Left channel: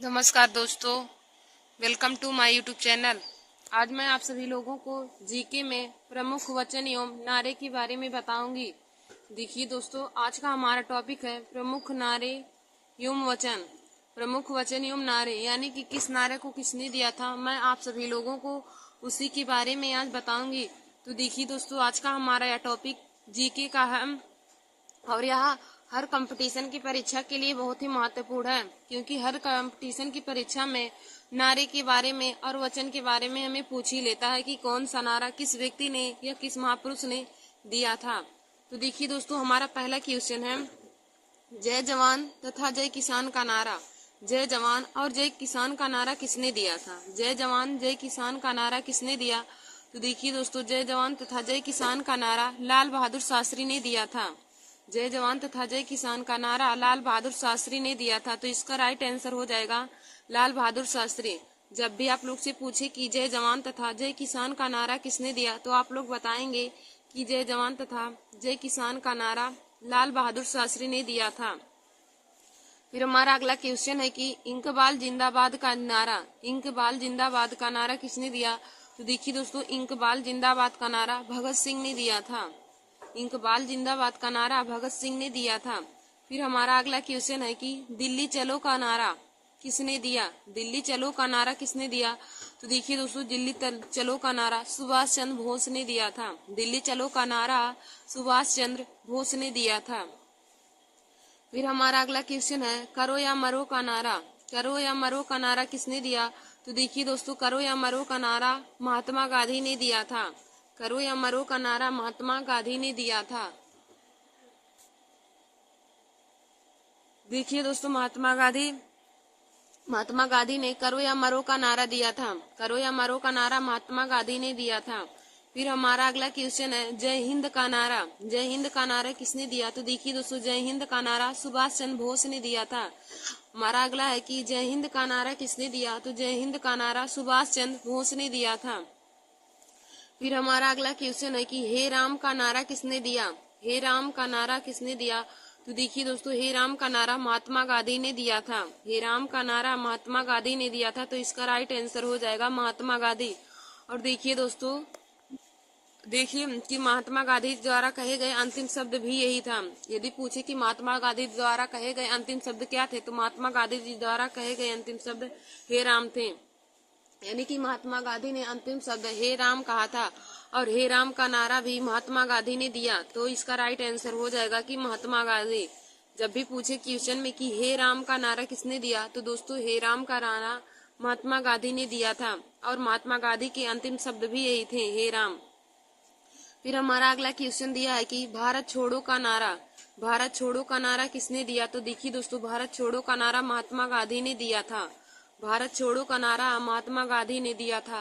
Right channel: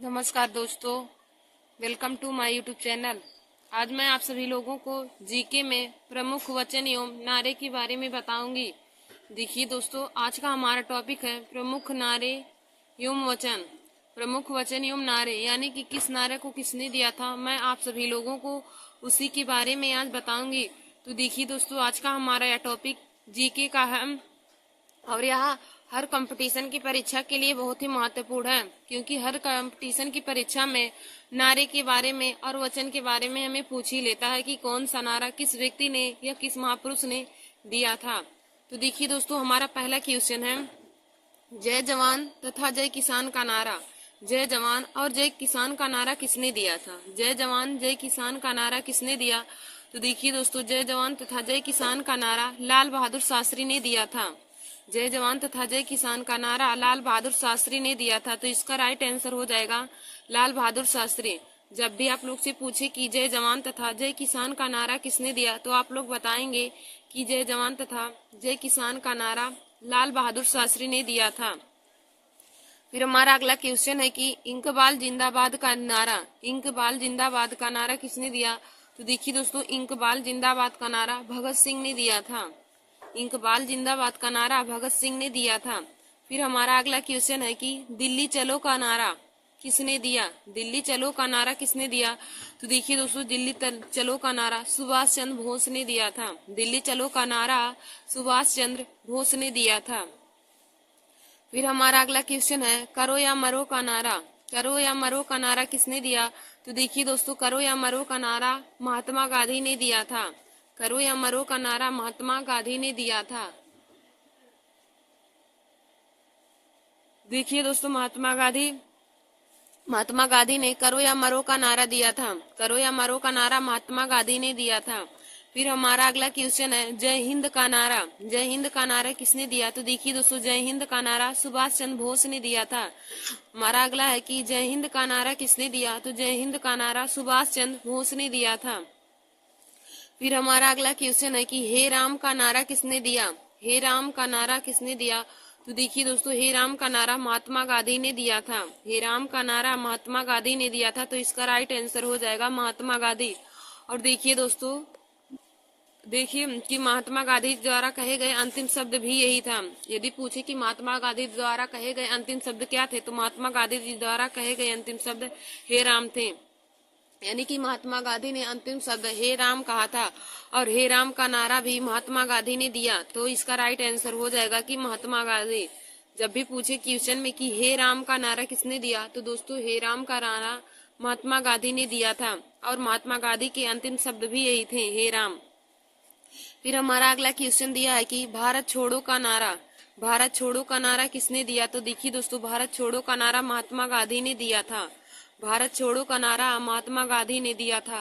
नमस्कार दोस्तों, welcome to my YouTube channel. आज मैं आप सभी लोगों को जीके में प्रमुख वचन एवं नारे के बारे में बताऊंगी। देखिए दोस्तों, आज का हमारा टॉपिक है प्रमुख नारे एवं वचन। प्रमुख वचन एवं नारे यानी कि किस नारे को किसने दिया था, मैं आप सभी लोगों को उसी के बारे में आज बताऊंगी। तो देखिए दोस्तों, आज का हमारा यह टॉपिक जीके का है और यह हर कंपटीशन की परीक्षा के लिए बहुत ही महत्वपूर्ण है, क्योंकि हर कंपटीशन की परीक्षा में नारे के बारे में और वचन के बारे में हमें पूछ ही लेता है कि कौन सा नारा किस व्यक्ति ने या किस महापुरुष ने दिया था। तो देखिए दोस्तों, हमारा पहला क्वेश्चन है जय जवान तथा जय किसान का नारा। जय जवान और जय किसान का नारा किसने दिया था? जय जवान जय किसान का नारा किसने दिया? तो देखिए दोस्तों, जय जवान तथा जय किसान का नारा लाल बहादुर शास्त्री ने दिया था। जय जवान तथा जय किसान का नारा लाल बहादुर शास्त्री ने दिया था। तो इसका राइट आंसर हो जाएगा लाल बहादुर शास्त्री। जब भी आप लोग से पूछे कि जय जवान तथा जय किसान का नारा किसने दिया, तो आप लोग बताएंगे कि जय जवान तथा जय किसान का नारा लाल बहादुर शास्त्री ने दिया था। फिर हमारा अगला क्वेश्चन है कि इंकबाल जिंदाबाद का नारा, इंकबाल जिंदाबाद का नारा किसने दिया? तो देखिए दोस्तों, इंकबाल जिंदाबाद का नारा भगत सिंह ने दिया था। इंकबाल जिंदाबाद का नारा भगत सिंह ने दिया था। फिर हमारा अगला क्वेश्चन है कि दिल्ली चलो का नारा किसने दिया? दिल्ली चलो का नारा किसने दिया? तो देखिए दोस्तों, दिल्ली चलो का नारा सुभाष चंद्र बोस ने दिया था। दिल्ली चलो का नारा सुभाष चंद्र बोस ने दिया था। फिर हमारा अगला क्वेश्चन है करो या मरो का नारा। करो या मरो का नारा किसने दिया? तो देखिए दोस्तों, करो या मरो का नारा महात्मा गांधी ने दिया था। करो या मरो का नारा महात्मा गांधी ने दिया था। देखिए दोस्तों, महात्मा गांधी ने करो या मरो का नारा दिया था। करो या मरो का नारा महात्मा गांधी ने दिया था। फिर हमारा अगला क्वेश्चन है जय हिंद का नारा। जय हिंद का नारा किसने दिया? तो देखिए दोस्तों, जय हिंद का नारा सुभाष चंद्र बोस ने दिया था। हमारा अगला है कि जय हिंद का नारा किसने दिया? तो जय हिंद का नारा सुभाष चंद्र बोस ने दिया था। फिर हमारा अगला क्वेश्चन है कि हे राम का नारा किसने दिया? हे राम का नारा किसने दिया? तो देखिए दोस्तों, हे राम का नारा महात्मा गांधी ने दिया था। हे राम का नारा महात्मा गांधी ने दिया था। तो इसका राइट आंसर हो जाएगा महात्मा गांधी। और देखिए दोस्तों, देखिए कि महात्मा गांधी द्वारा कहे गए अंतिम शब्द भी यही था। यदि पूछे कि महात्मा गांधी द्वारा कहे गए अंतिम शब्द क्या थे, तो महात्मा गांधी जी द्वारा कहे गए अंतिम शब्द हे राम थे। यानी कि महात्मा गांधी ने अंतिम शब्द हे राम कहा था और हे राम का नारा भी महात्मा गांधी ने दिया। तो इसका राइट आंसर हो जाएगा कि महात्मा गांधी। जब भी पूछे क्वेश्चन में कि हे राम का नारा किसने दिया, तो दोस्तों हे राम का नारा महात्मा गांधी ने दिया था और महात्मा गांधी के अंतिम शब्द भी यही थे, हे राम। फिर हमारा अगला क्वेश्चन दिया है कि भारत छोड़ो का नारा। भारत छोड़ो का नारा किसने दिया? तो देखिए दोस्तों, भारत छोड़ो का नारा महात्मा गांधी ने दिया था। भारत छोड़ो का नारा महात्मा गांधी ने दिया था।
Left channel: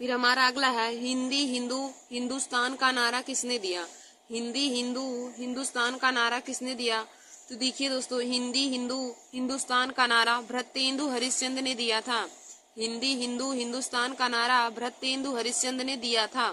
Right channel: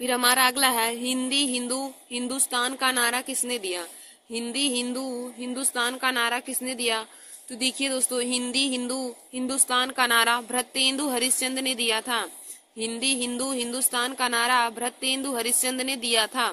फिर हमारा अगला है हिंदी हिंदू हिंदुस्तान का नारा किसने दिया? हिंदी हिंदू हिंदुस्तान का नारा किसने दिया? तो देखिए दोस्तों, हिंदी हिंदू हिंदुस्तान का नारा भृत्येंदु हरिश्चंद्र ने दिया था। हिंदी हिंदू हिंदुस्तान का नारा भृत्येंदु हरिश्चंद्र ने दिया था।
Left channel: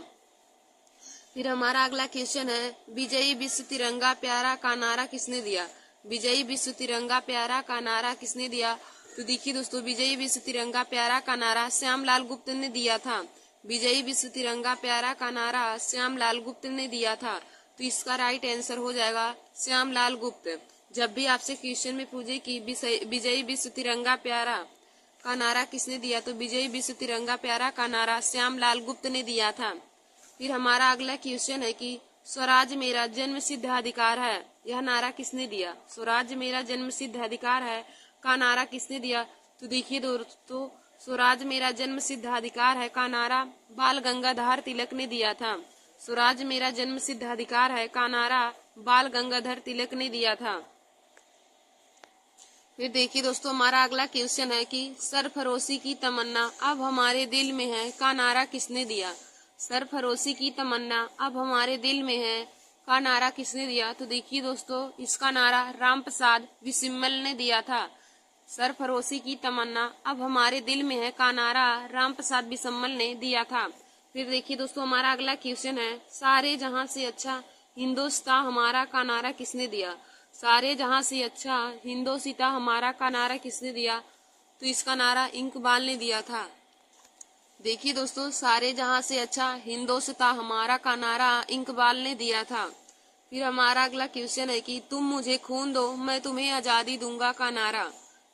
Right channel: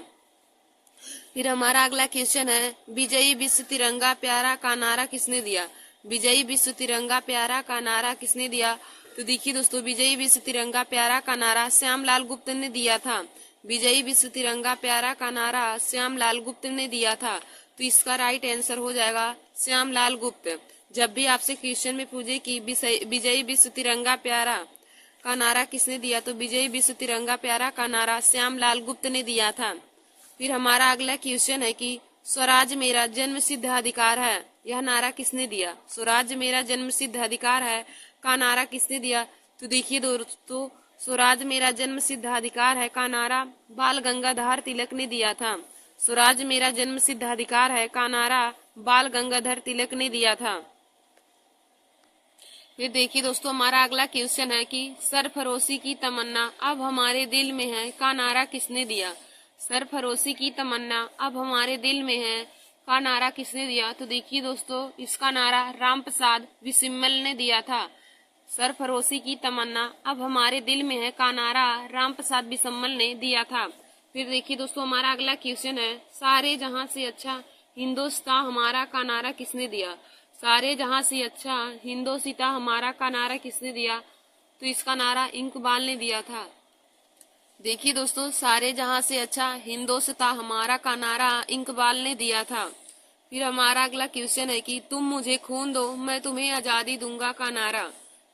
फिर हमारा अगला क्वेश्चन है विजयी विश्व तिरंगा प्यारा का नारा किसने दिया? विजयी विश्व तिरंगा प्यारा का नारा किसने दिया? तो देखिए दोस्तों, विजयी विश्व तिरंगा प्यारा का नारा श्यामलाल गुप्त ने दिया था। विजयी विश्व तिरंगा प्यारा का नारा श्यामलाल गुप्त ने दिया था। तो इसका राइट आंसर हो जाएगा श्यामलाल गुप्त। जब भी आपसे क्वेश्चन में पूछे कि विजयी विश्व तिरंगा प्यारा का नारा किसने दिया, तो विजयी विश्व तिरंगा प्यारा का नारा श्यामलाल गुप्त ने दिया था। फिर हमारा अगला क्वेश्चन है कि स्वराज मेरा जन्म सिद्ध अधिकार है, यह नारा किसने दिया? स्वराज मेरा जन्म सिद्ध अधिकार है का नारा किसने दिया? तो देखिए दोस्तों, स्वराज मेरा जन्म सिद्ध अधिकार है का नारा बाल गंगाधर तिलक ने दिया था। स्वराज मेरा जन्म सिद्ध अधिकार है का नारा बाल गंगाधर तिलक ने दिया था। फिर देखिए दोस्तों, हमारा अगला क्वेश्चन है कि सरफरोशी की तमन्ना अब हमारे दिल में है का नारा किसने दिया? सरफरोशी की तमन्ना अब हमारे दिल में है का नारा किसने दिया? तो देखिए दोस्तों, इसका नारा रामप्रसाद बिस्मिल ने दिया था। सरफरोशी की तमन्ना अब हमारे दिल में है का नारा रामप्रसाद बिस्मिल ने दिया था। फिर देखिए दोस्तों, हमारा अगला क्वेश्चन है सारे जहां से अच्छा हिंदोस्तां हमारा का नारा किसने दिया? सारे जहां से अच्छा हिंदोसिता हमारा का नारा किसने दिया? तो इसका नारा इकबाल ने दिया था। देखिए दोस्तों, सारे जहां से अच्छा हिंदोसिता हमारा का नारा इकबाल ने दिया था। फिर हमारा अगला क्वेश्चन है कि तुम मुझे खून दो मैं तुम्हें आजादी दूंगा का नारा।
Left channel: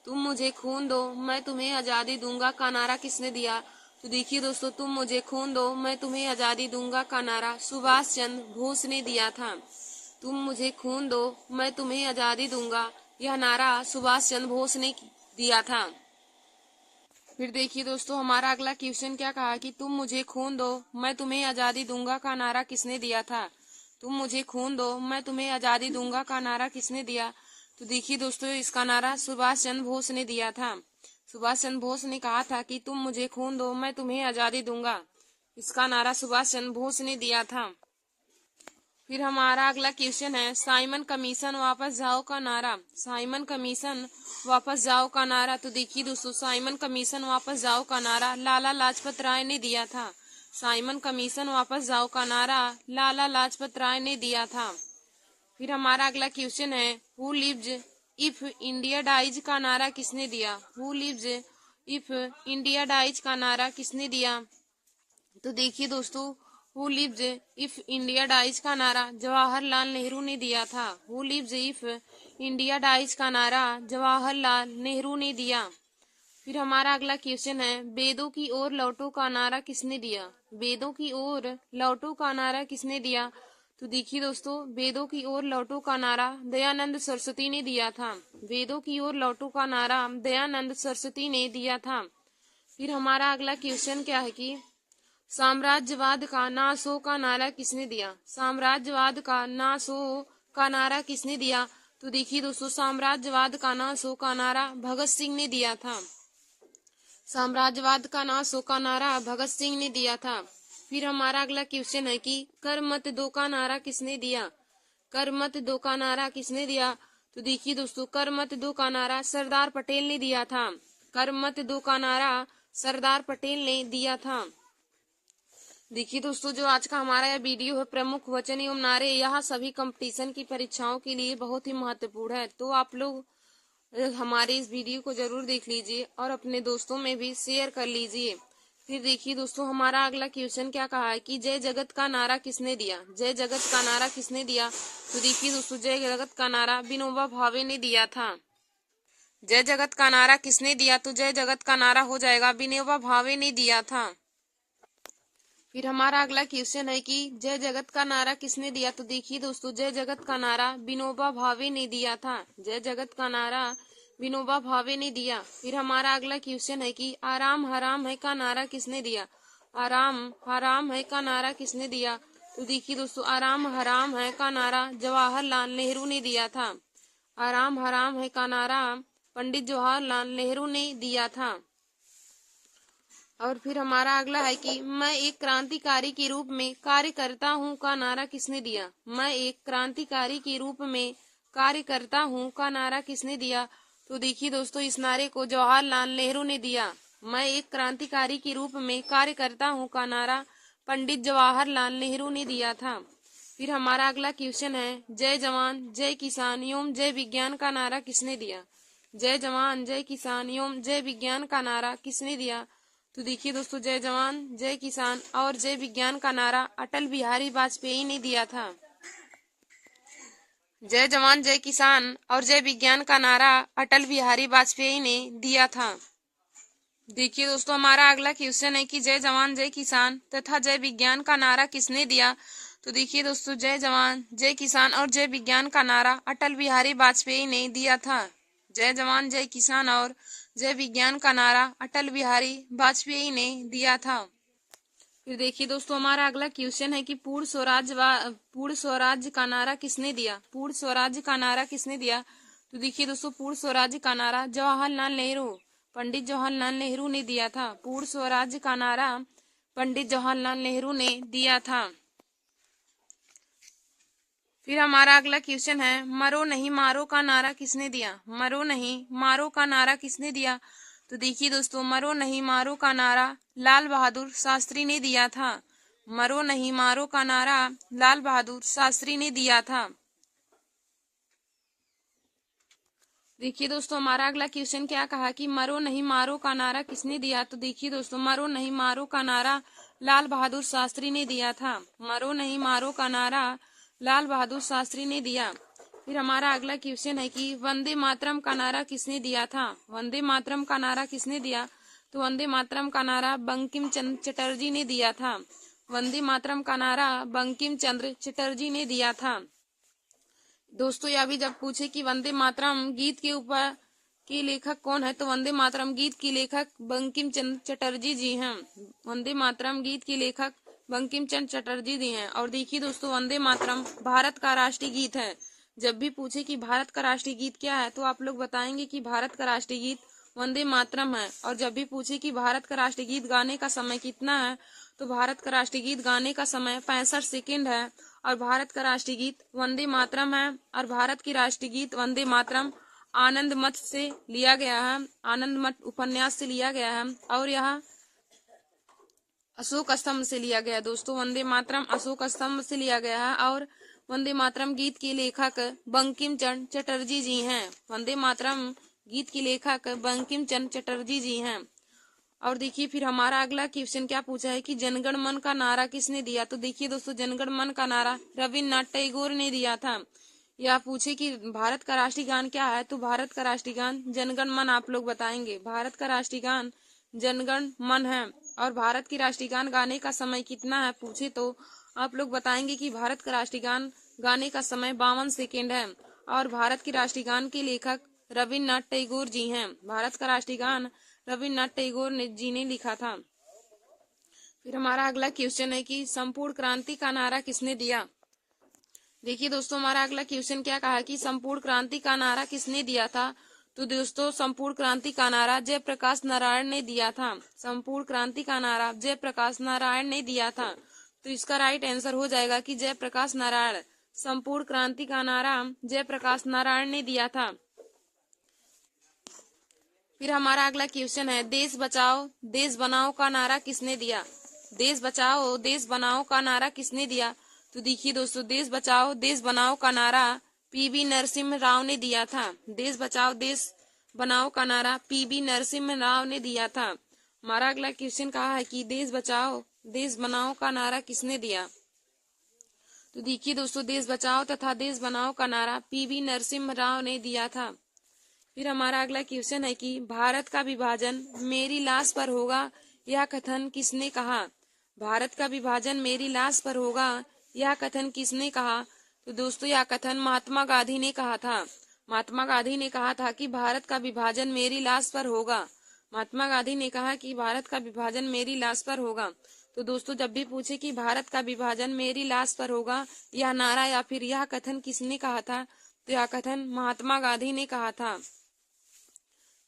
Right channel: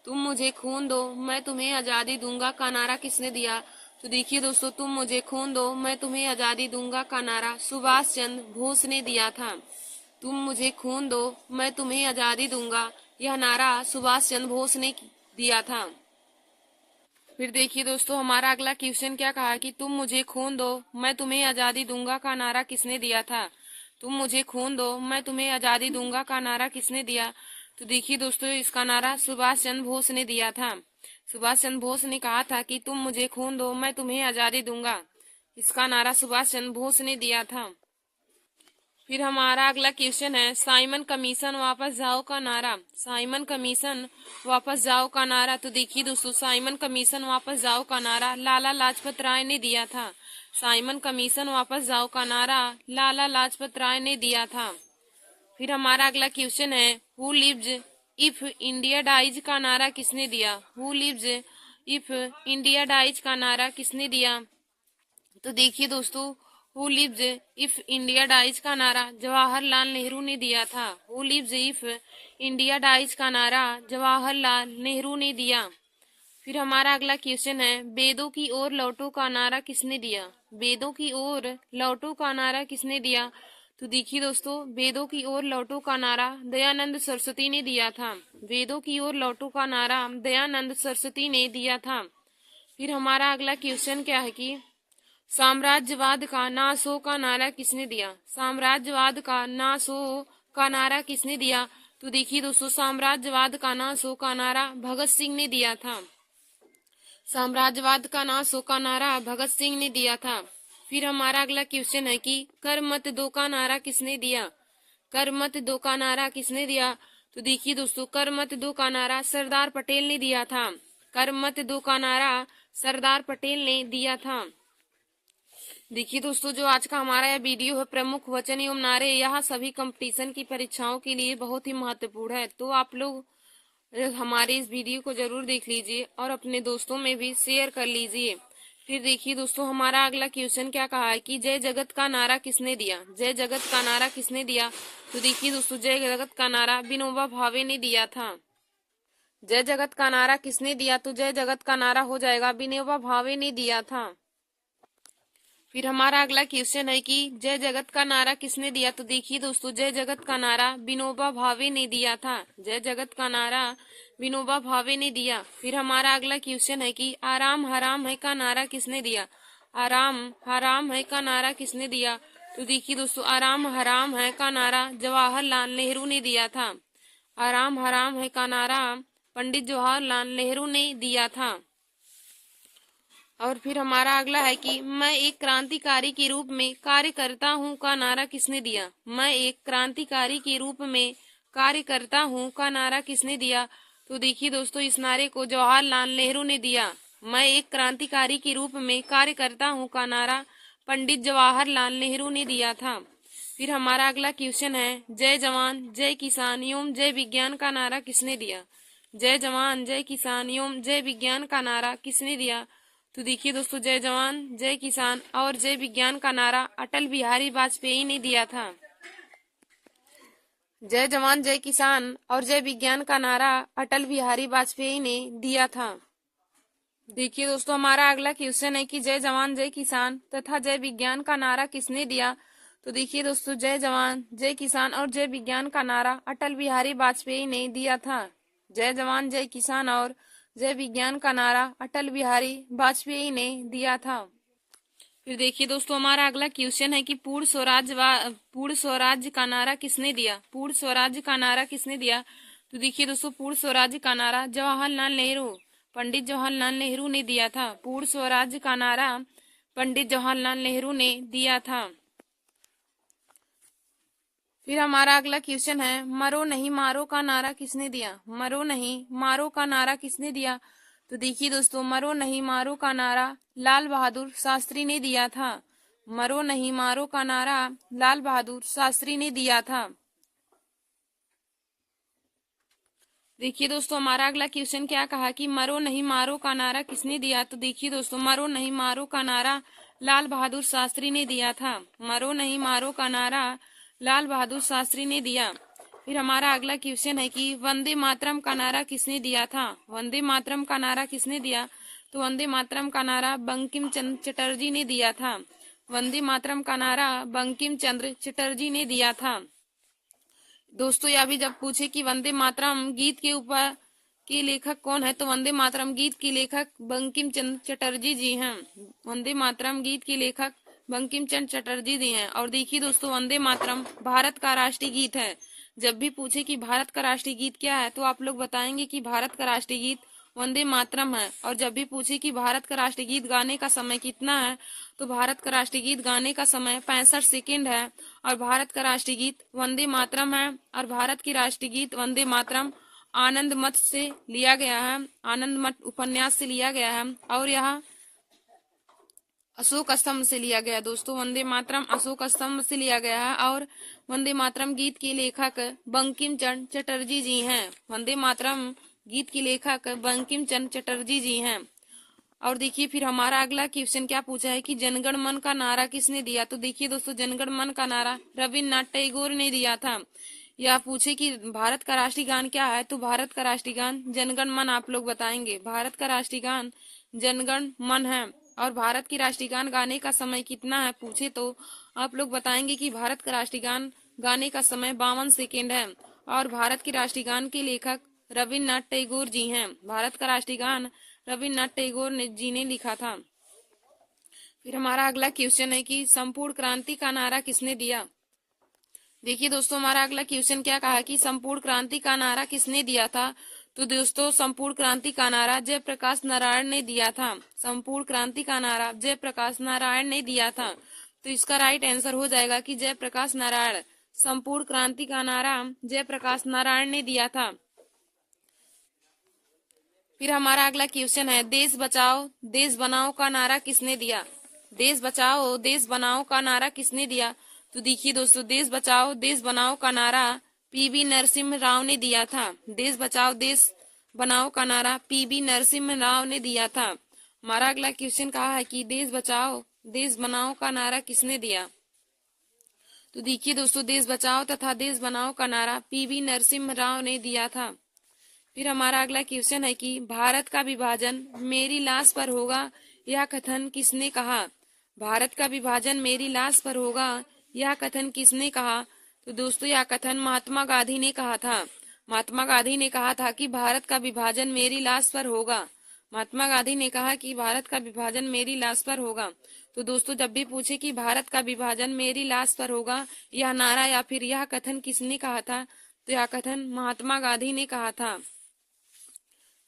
तुम मुझे खून दो मैं तुम्हें आजादी दूंगा का नारा किसने दिया? तो देखिए दोस्तों, तुम मुझे खून दो मैं तुम्हें आजादी दूंगा का नारा सुभाष चंद्र बोस ने दिया था। तुम मुझे खून दो मैं तुम्हें आजादी दूंगा, यह नारा सुभाष चंद्र बोस ने दिया था। फिर देखिए दोस्तों, हमारा अगला क्वेश्चन क्या कहा कि तुम मुझे खून दो मैं तुम्हें आजादी दूंगा का नारा किसने दिया था? तुम मुझे खून दो मैं तुम्हें आजादी दूंगा का नारा किसने दिया? तो देखिए दोस्तों, इसका नारा सुभाष चंद्र बोस ने दिया था। सुभाष चंद्र बोस ने कहा था कि तुम मुझे खून दो मैं तुम्हें आजादी दूंगा। इसका नारा सुभाष चंद्र बोस ने दिया था। फिर हमारा अगला क्वेश्चन है साइमन कमीशन वापस जाओ का नारा। साइमन कमीशन वापस जाओ का नारा। तो देखिए दोस्तों, साइमन कमीशन वापस जाओ का नारा लाला लाजपत राय ने दिया था। साइमन कमीशन वापस जाओ का नारा लाला लाजपत राय ने दिया था। फिर हमारा अगला क्वेश्चन है who lives if India dies का नारा किसने दिया? Who lives if India dies का नारा किसने दिया? तो देखिए दोस्तों, who lives if India dies का नारा जवाहरलाल नेहरू ने दिया था। Who lives if India dies का नारा जवाहरलाल नेहरू ने दिया। फिर हमारा अगला क्वेश्चन है वेदों की ओर लौटो का नारा किसने दिया? वेदों की ओर लौटो का नारा किसने दिया? तो देखिए दोस्तों, वेदों की ओर लौटो का नारा दयानंद सरस्वती ने दिया था। वेदों की ओर लौटो का नारा दयानंद सरस्वती ने दिया था। फिर हमारा अगला क्वेश्चन क्या है कि साम्राज्यवाद का नाश हो का नारा किसने दिया? साम्राज्यवाद का नाश हो का नारा किसने दिया? तो देखिए दोस्तों, साम्राज्यवाद का नाश हो का नारा भगत सिंह ने दिया था। साम्राज्यवाद का नाश हो का नारा भगत सिंह ने दिया था। फिर हमारा अगला क्वेश्चन है कि कर मत दो का नारा किसने दिया? कर मत दो का नारा किसने दिया? तो देखिए दोस्तों, कर मत दो का नारा सरदार पटेल ने दिया था। कर मत दो का नारा सरदार पटेल ने दिया था। देखिए दोस्तों, जो आज का हमारा यह वीडियो है प्रमुख वचन एवं नारे, यह सभी कंपटीशन की परीक्षाओं के लिए बहुत ही महत्वपूर्ण है। तो आप लोग हमारे इस वीडियो को जरूर देख लीजिए और अपने दोस्तों में भी शेयर कर लीजिए। फिर देखिए दोस्तों, हमारा अगला क्वेश्चन क्या कहा है कि जय जगत का नारा किसने दिया? जय जगत का नारा किसने दिया? तो देखिए दोस्तों, जय जगत का नारा विनोबा भावे ने दिया था। जय जगत का नारा किसने दिया? तो जय जगत का नारा हो जाएगा विनोबा भावे ने दिया था। फिर हमारा अगला क्वेश्चन है कि जय जगत का नारा किसने दिया? तो देखिए दोस्तों, जय जगत का नारा विनोबा भावे ने दिया था। जय जगत का नारा विनोबा भावे ने दिया। फिर हमारा अगला क्वेश्चन है कि आराम हराम है का नारा किसने दिया? आराम हराम है का नारा किसने दिया? तो देखिए दोस्तों, आराम हराम है का नारा जवाहरलाल नेहरू ने दिया था। आराम हराम है का नारा पंडित जवाहरलाल नेहरू ने दिया था। और फिर हमारा अगला है कि मैं एक क्रांतिकारी के रूप में कार्य करता हूँ का नारा किसने दिया? मैं एक क्रांतिकारी के रूप में कार्य करता हूँ का नारा किसने दिया? तो देखिए दोस्तों, इस नारे को जवाहरलाल नेहरू ने दिया। मैं एक क्रांतिकारी के रूप में कार्य करता हूँ का नारा पंडित जवाहरलाल नेहरू ने दिया था। फिर हमारा अगला क्वेश्चन है जय जवान जय किसान एवं जय विज्ञान का नारा किसने दिया? जय जवान जय किसान एवं जय विज्ञान का नारा किसने दिया? तो देखिए दोस्तों, जय जवान जय किसान और जय विज्ञान का नारा अटल बिहारी वाजपेयी ने दिया था। जय जवान जय किसान और जय विज्ञान का नारा अटल बिहारी वाजपेयी ने दिया था। देखिए दोस्तों, हमारा अगला क्वेश्चन है कि जय जवान जय किसान तथा जय विज्ञान का नारा किसने दिया? तो देखिए दोस्तों, जय जवान जय किसान और जय विज्ञान का नारा अटल बिहारी वाजपेयी ने दिया था। जय जवान जय किसान और जय विज्ञान का नारा अटल बिहारी वाजपेयी ने दिया था। फिर देखिए दोस्तों, हमारा अगला क्वेश्चन है कि पूर्ण स्वराज्य का नारा किसने दिया? पूर्ण स्वराज्य का नारा किसने दिया? तो देखिए दोस्तों, पूर्ण स्वराज्य का नारा जवाहरलाल नेहरू पंडित जवाहरलाल नेहरू ने दिया था। पूर्ण स्वराज्य का नारा पंडित जवाहरलाल नेहरू ने दिया था। फिर हमारा अगला क्वेश्चन है मरो नहीं मारो का नारा किसने दिया? मरो नहीं मारो का नारा किसने दिया? तो देखिए दोस्तों, मरो नहीं मारो का नारा लाल बहादुर शास्त्री ने दिया था। मरो नहीं मारो का नारा लाल बहादुर शास्त्री ने दिया था। देखिए दोस्तों, हमारा अगला क्वेश्चन क्या कहा कि मरो नहीं मारो का नारा किसने दिया। तो देखिए दोस्तों, मरो नहीं मारो का नारा लाल बहादुर शास्त्री ने दिया था। मरो नहीं मारो का नारा लाल बहादुर शास्त्री ने दिया। फिर हमारा अगला क्वेश्चन है कि वंदे मातरम का नारा किसने दिया था। वंदे मातरम का नारा किसने दिया। तो वंदे मातरम का नारा बंकिम चंद्र चटर्जी ने दिया था। वंदे मातरम का नारा बंकिम चंद्र चटर्जी ने दिया था। दोस्तों, यह भी जब पूछे कि वंदे मातरम गीत के ऊपर के लेखक कौन है, तो वंदे मातरम गीत के लेखक बंकिम चंद्र चटर्जी जी हैं। वंदे मातरम गीत के लेखक बंकिम चंद्र चटर्जी जी हैं। और देखिए दोस्तों, वंदे मातरम भारत का राष्ट्रीय गीत है। जब भी पूछे कि भारत का राष्ट्रीय गीत क्या है, तो आप लोग बताएंगे कि भारत का राष्ट्रीय गीत वंदे मातरम है। और जब भी पूछे कि भारत का राष्ट्रीय गीत गाने का समय कितना है, तो भारत का राष्ट्रीय गीत गाने का समय 65 सेकंड है। और भारत का राष्ट्रीय गीत वंदे मातरम है। और भारत की राष्ट्रीय गीत वंदे मातरम आनंद मठ से लिया गया है, आनंद मठ उपन्यास से लिया गया है। और यह अशोक स्तंभ से लिया गया। दोस्तों, वंदे मातरम अशोक स्तंभ से लिया गया है। और वंदे मातरम गीत के लेखक बंकिम चंद्र चटर्जी जी हैं। वंदे मातरम गीत के लेखक बंकिम चंद्र चटर्जी जी हैं। और देखिए, फिर हमारा अगला क्वेश्चन क्या पूछा है कि जनगण मन का नारा किसने दिया। तो देखिए दोस्तों, जनगण मन का नारा रविन्द्रनाथ टैगोर ने दिया था। यह पूछे कि भारत का राष्ट्रीय गान क्या है, तो भारत का राष्ट्रीय गान जनगण मन आप लोग बताएंगे। भारत का राष्ट्रीय गान जनगण मन है। और भारत की राष्ट्रीय गान गाने का समय कितना है पूछे, तो आप लोग बताएंगे कि भारत का राष्ट्रीय गान गाने का समय 52 सेकेंड है। और भारत की राष्ट्रीय गान के लेखक रविन्द्रनाथ टैगोर जी हैं। भारत का राष्ट्रीय गान रविन्द्रनाथ टैगोर जी ने लिखा था। फिर हमारा अगला क्वेश्चन है कि संपूर्ण क्रांति का नारा किसने दिया। देखिए दोस्तों, हमारा अगला क्वेश्चन क्या कहा कि संपूर्ण क्रांति का नारा किसने दिया था। तो दोस्तों, संपूर्ण क्रांति का नारा जयप्रकाश नारायण ने दिया था। संपूर्ण क्रांति का नारा जयप्रकाश नारायण ने दिया था। तो इसका राइट आंसर हो जाएगा कि जयप्रकाश नारायण। संपूर्ण क्रांति का नारा जयप्रकाश नारायण ने दिया था। फिर हमारा अगला क्वेश्चन है देश बचाओ देश बनाओ का नारा किसने दिया। देश बचाओ देश बनाओ का नारा किसने दिया। तो देखिए दोस्तों, देश बचाओ देश बनाओ का नारा पीवी नरसिम्हा राव ने दिया था। देश बचाओ देश बनाओ का नारा पीवी नरसिम्हा राव ने दिया था। हमारा अगला क्वेश्चन कहा है कि देश बचाओ देश बनाओ का नारा किसने दिया। तो देखिए दोस्तों, देश बचाओ तथा देश बनाओ का नारा पीवी नरसिम्हा राव ने दिया था। फिर हमारा अगला क्वेश्चन है कि भारत का विभाजन मेरी लाश पर होगा, यह कथन किसने कहा। भारत का विभाजन मेरी लाश पर होगा, यह कथन किसने कहा। तो दोस्तों, यह कथन महात्मा गांधी ने कहा था। महात्मा गांधी ने कहा था कि भारत का विभाजन मेरी लाश पर होगा। महात्मा गांधी ने कहा कि भारत का विभाजन मेरी लाश पर होगा। तो दोस्तों, जब भी पूछे कि भारत का विभाजन मेरी लाश पर होगा, यह नारा या फिर यह कथन किसने कहा था, तो यह कथन महात्मा गांधी ने कहा था।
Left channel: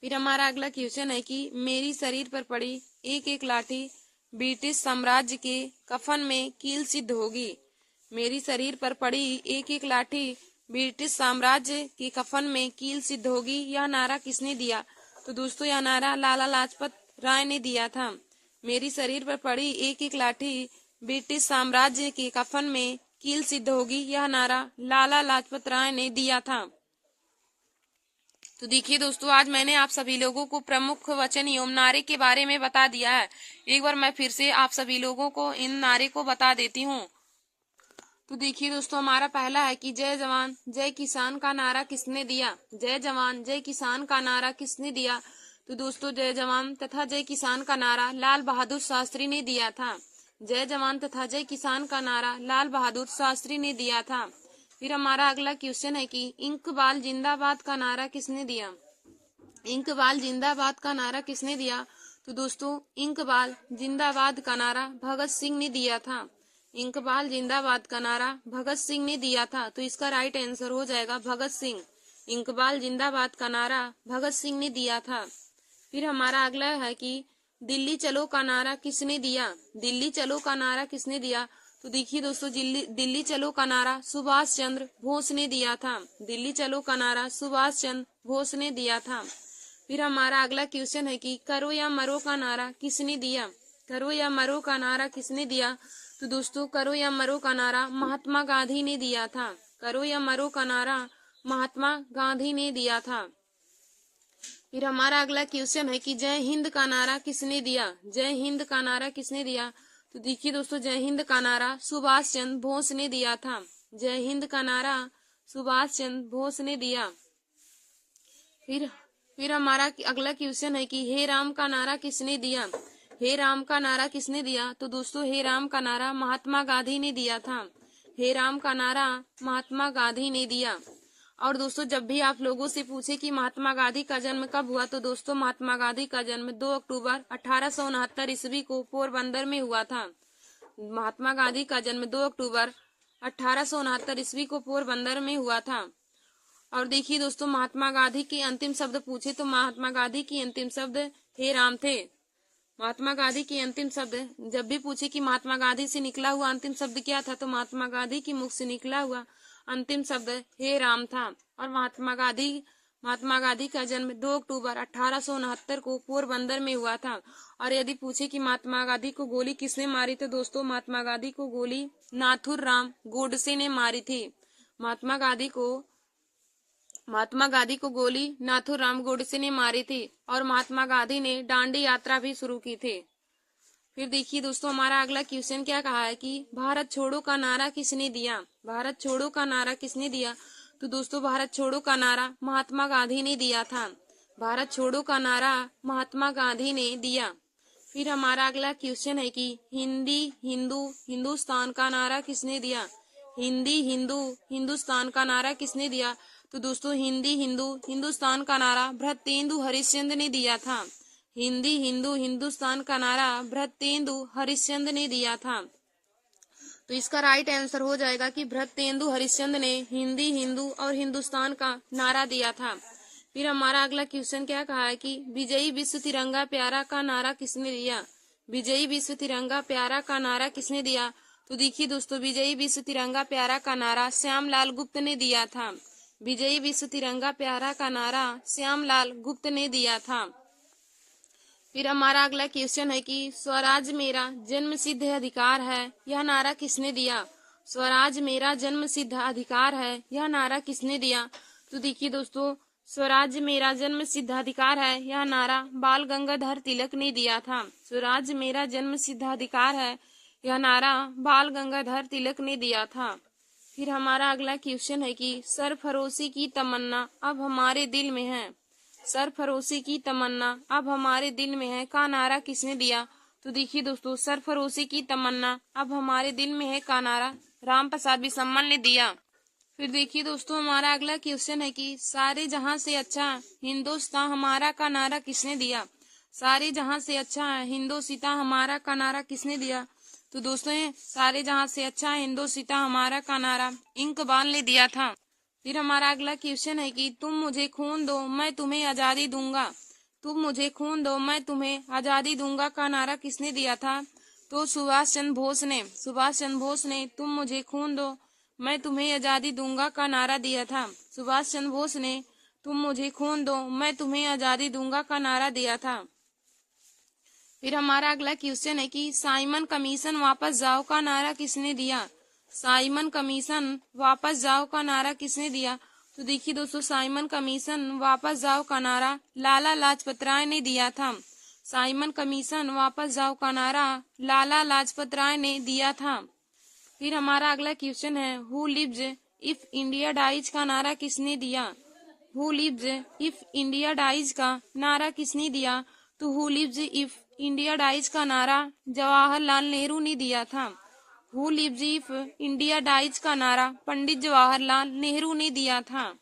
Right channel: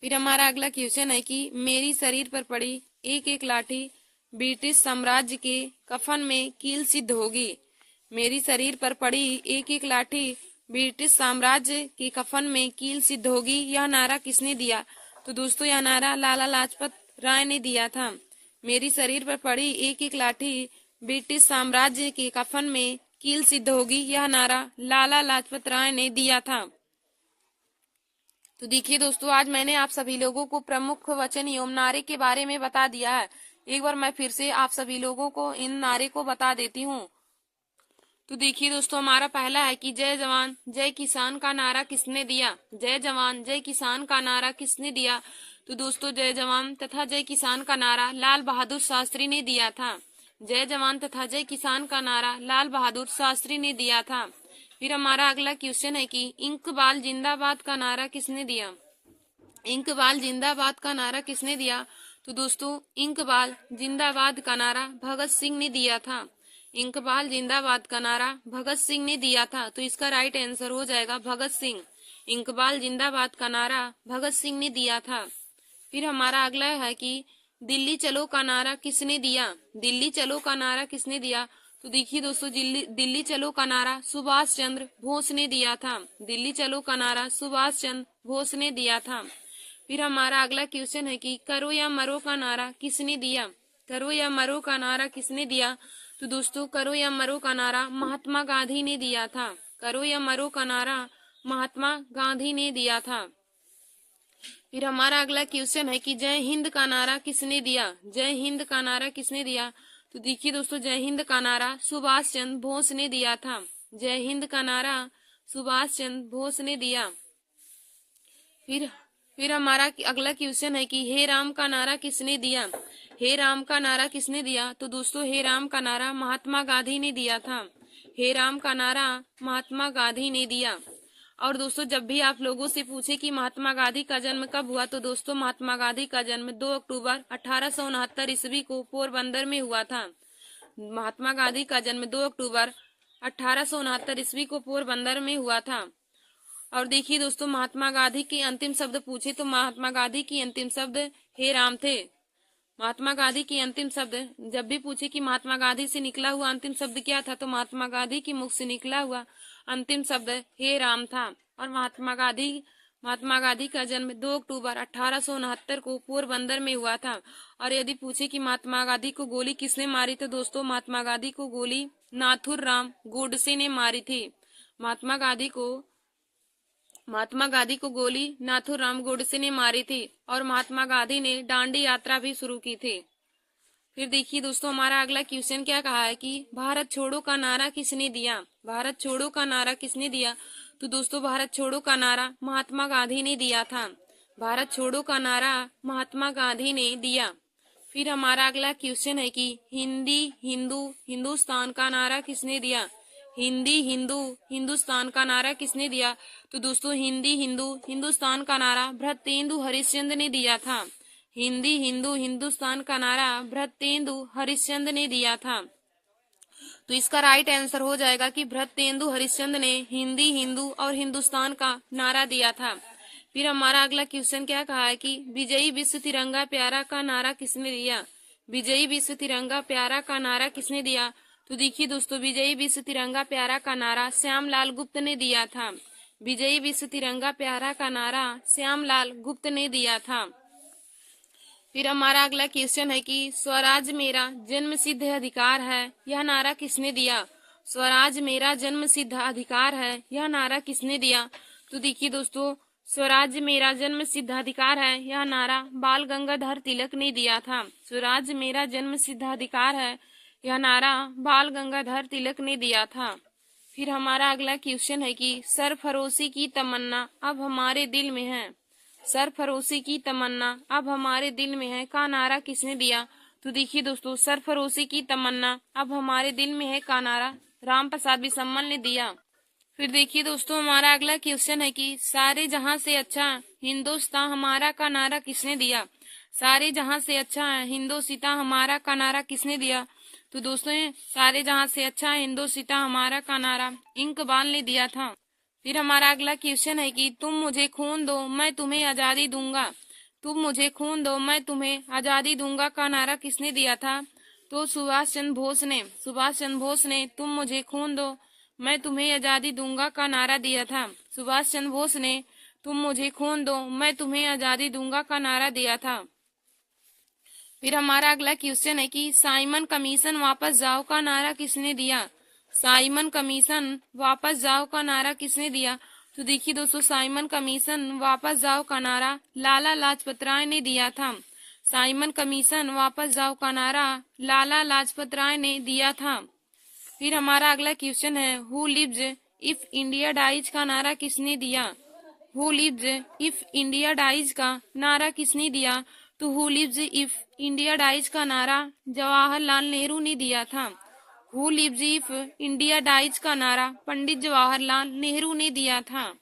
फिर हमारा अगला क्वेश्चन है कि मेरी शरीर पर पड़ी एक एक लाठी ब्रिटिश साम्राज्य के कफन में कील सिद्ध होगी। मेरी शरीर पर पड़ी एक एक लाठी ब्रिटिश साम्राज्य के कफन में कील सिद्ध होगी, यह नारा किसने दिया। तो दोस्तों, यह नारा लाला लाजपत राय ने दिया था। मेरी शरीर पर पड़ी एक एक लाठी ब्रिटिश साम्राज्य के कफन में कील सिद्ध होगी, यह नारा लाला लाजपत राय ने दिया था। तो देखिए दोस्तों, आज मैंने आप सभी लोगों को प्रमुख वचन एवं नारे के बारे में बता दिया है। एक बार मैं फिर से आप सभी लोगों को इन नारे को बता देती हूँ। तो देखिए दोस्तों, हमारा पहला है कि जय जवान जय किसान का नारा किसने दिया। जय जवान जय किसान का नारा किसने दिया। तो दोस्तों, जय जवान तथा जय किसान का नारा लाल बहादुर शास्त्री ने दिया था। जय जवान तथा जय किसान का नारा लाल बहादुर शास्त्री ने दिया था। फिर हमारा अगला क्वेश्चन है कि इंकबाल जिंदाबाद का नारा किसने दिया। इंकबाल जिंदाबाद का नारा किसने दिया। तो दोस्तों, इंकबाल जिंदाबाद का नारा भगत सिंह ने दिया था। इंकबाल जिंदाबाद का नारा भगत सिंह ने दिया था। तो इसका राइट आंसर हो जाएगा भगत सिंह। इंकबाल जिंदाबाद का नारा भगत सिंह ने दिया था। फिर हमारा अगला है कि दिल्ली चलो का नारा किसने दिया। दिल्ली चलो का नारा किसने दिया। तो देखिए दोस्तों, दिल्ली चलो का नारा सुभाष चंद्र बोस ने दिया था। दिल्ली चलो का नारा सुभाष चंद्र बोस ने दिया था। फिर हमारा अगला क्वेश्चन है कि करो या मरो का नारा किसने दिया। करो या मरो का नारा किसने दिया। तो दोस्तों करो या मरो का नारा महात्मा गांधी ने दिया था। करो या मरो का नारा महात्मा गांधी ने दिया था। फिर हमारा अगला क्वेश्चन है कि जय हिंद का नारा किसने दिया। जय हिंद का नारा किसने दिया। तो देखिए दोस्तों, जय हिंद का नारा सुभाष चंद्र बोस ने दिया था। जय हिंद का नारा सुभाष चंद्र बोस ने दिया। फिर हमारा अगला क्वेश्चन है कि हे राम का नारा किसने दिया। हे राम का नारा किसने दिया। तो दोस्तों हे राम का नारा महात्मा गांधी ने दिया था। हे राम का नारा महात्मा गांधी ने दिया। और दोस्तों जब भी आप लोगों से पूछे कि महात्मा गांधी का जन्म कब हुआ, तो दोस्तों महात्मा गांधी का जन्म 2 अक्टूबर 1869 ईस्वी को पोरबंदर में हुआ था। महात्मा गांधी का जन्म 2 अक्टूबर 1869 ईस्वी को पोरबंदर में हुआ था। और देखिए दोस्तों, महात्मा गांधी के अंतिम शब्द पूछे तो महात्मा गांधी की अंतिम शब्द हे राम थे। महात्मा गांधी की अंतिम शब्द जब भी पूछे कि महात्मा गांधी से निकला हुआ अंतिम शब्द क्या था, तो महात्मा गांधी की मुख से निकला हुआ अंतिम शब्द हे राम था। और महात्मा गांधी का जन्म 2 अक्टूबर 1869 को पोरबंदर में हुआ था। और यदि पूछे कि महात्मा गांधी को गोली किसने मारी, तो दोस्तों महात्मा गांधी को गोली नाथुराम गोडसे ने मारी थी। महात्मा गांधी को गोली नाथुराम गोडसे ने मारी थी। और महात्मा गांधी ने दांडी यात्रा भी शुरू की थी। फिर देखिए दोस्तों, हमारा अगला क्वेश्चन क्या कहा है कि भारत छोड़ो का नारा किसने दिया। भारत छोड़ो का नारा किसने दिया। तो दोस्तों भारत छोड़ो का नारा महात्मा गांधी ने दिया था। भारत छोड़ो का नारा महात्मा गांधी ने दिया। फिर हमारा अगला क्वेश्चन है कि हिंदी हिंदू हिंदुस्तान का नारा किसने दिया। हिंदी हिंदू हिंदुस्तान का नारा किसने दिया। तो दोस्तों हिंदी हिंदू हिंदुस्तान का नारा भृत्येंदु हरिश्चंद्र ने दिया था। हिंदी हिंदू हिंदुस्तान का नारा भृत्येंदु हरिश्चंद्र ने दिया था। तो इसका राइट आंसर हो जाएगा कि भृत्येंदु हरिश्चंद्र ने हिंदी हिंदू और हिंदुस्तान का नारा दिया था। फिर हमारा अगला क्वेश्चन क्या कहा है कि विजयी विश्व तिरंगा प्यारा का नारा किसने दिया। विजयी विश्व तिरंगा प्यारा का नारा किसने दिया। तो देखिए दोस्तों, विजयी विश्व तिरंगा प्यारा का नारा श्यामलाल गुप्त ने दिया था। विजयी विश्व तिरंगा प्यारा का नारा श्यामलाल गुप्त ने दिया था। फिर हमारा अगला क्वेश्चन है कि स्वराज मेरा जन्म सिद्ध अधिकार है, यह नारा किसने दिया। स्वराज मेरा जन्म सिद्ध अधिकार है, यह नारा किसने दिया। तो देखिए दोस्तों, स्वराज मेरा जन्म सिद्ध अधिकार है, यह नारा बाल गंगाधर तिलक ने दिया था। स्वराज मेरा जन्म सिद्ध अधिकार है, यह नारा बाल गंगाधर तिलक ने दिया था। फिर हमारा अगला क्वेश्चन है कि सरफरोशी की तमन्ना अब हमारे दिल में है। सरफरोशी की तमन्ना अब हमारे दिल में है का नारा किसने दिया। तो देखिए दोस्तों, सरफरोशी की तमन्ना अब हमारे दिल में है का नारा राम प्रसाद बिस्मिल ने दिया। फिर देखिए दोस्तों, हमारा अगला क्वेश्चन है कि सारे जहां से अच्छा हिंदुस्तान हमारा का नारा किसने दिया। सारे जहां से अच्छा हिंदुस्तान हमारा का नारा किसने दिया। तो दोस्तों सारे जहां से अच्छा हिंदुस्तान हमारा का नारा इकबाल ने दिया था। फिर हमारा अगला क्वेश्चन है कि तुम मुझे खून दो मैं तुम्हें आजादी दूंगा। तुम मुझे खून दो मैं तुम्हें आजादी दूंगा का नारा किसने दिया था। तो सुभाष चंद्र बोस ने। सुभाष चंद्र बोस ने तुम मुझे खून दो मैं तुम्हें आजादी दूंगा का नारा दिया था। सुभाष चंद्र बोस ने तुम मुझे खून दो मैं तुम्हें आजादी दूंगा का नारा दिया था। फिर हमारा अगला क्वेश्चन है कि साइमन कमीशन वापस जाओ का नारा किसने दिया। साइमन कमीशन वापस जाओ का नारा किसने दिया। तो देखिए दोस्तों, साइमन कमीशन वापस जाओ का नारा लाला लाजपत राय ने दिया था। साइमन कमीशन वापस जाओ का नारा लाला लाजपत राय ने दिया था। फिर हमारा अगला क्वेश्चन है who lives if India dies का नारा किसने दिया। Who lives if India dies का नारा किसने दिया। तो who lives if India dies का नारा जवाहरलाल नेहरू ने दिया था। Who lives if India dies का नारा पंडित जवाहरलाल नेहरू ने दिया था।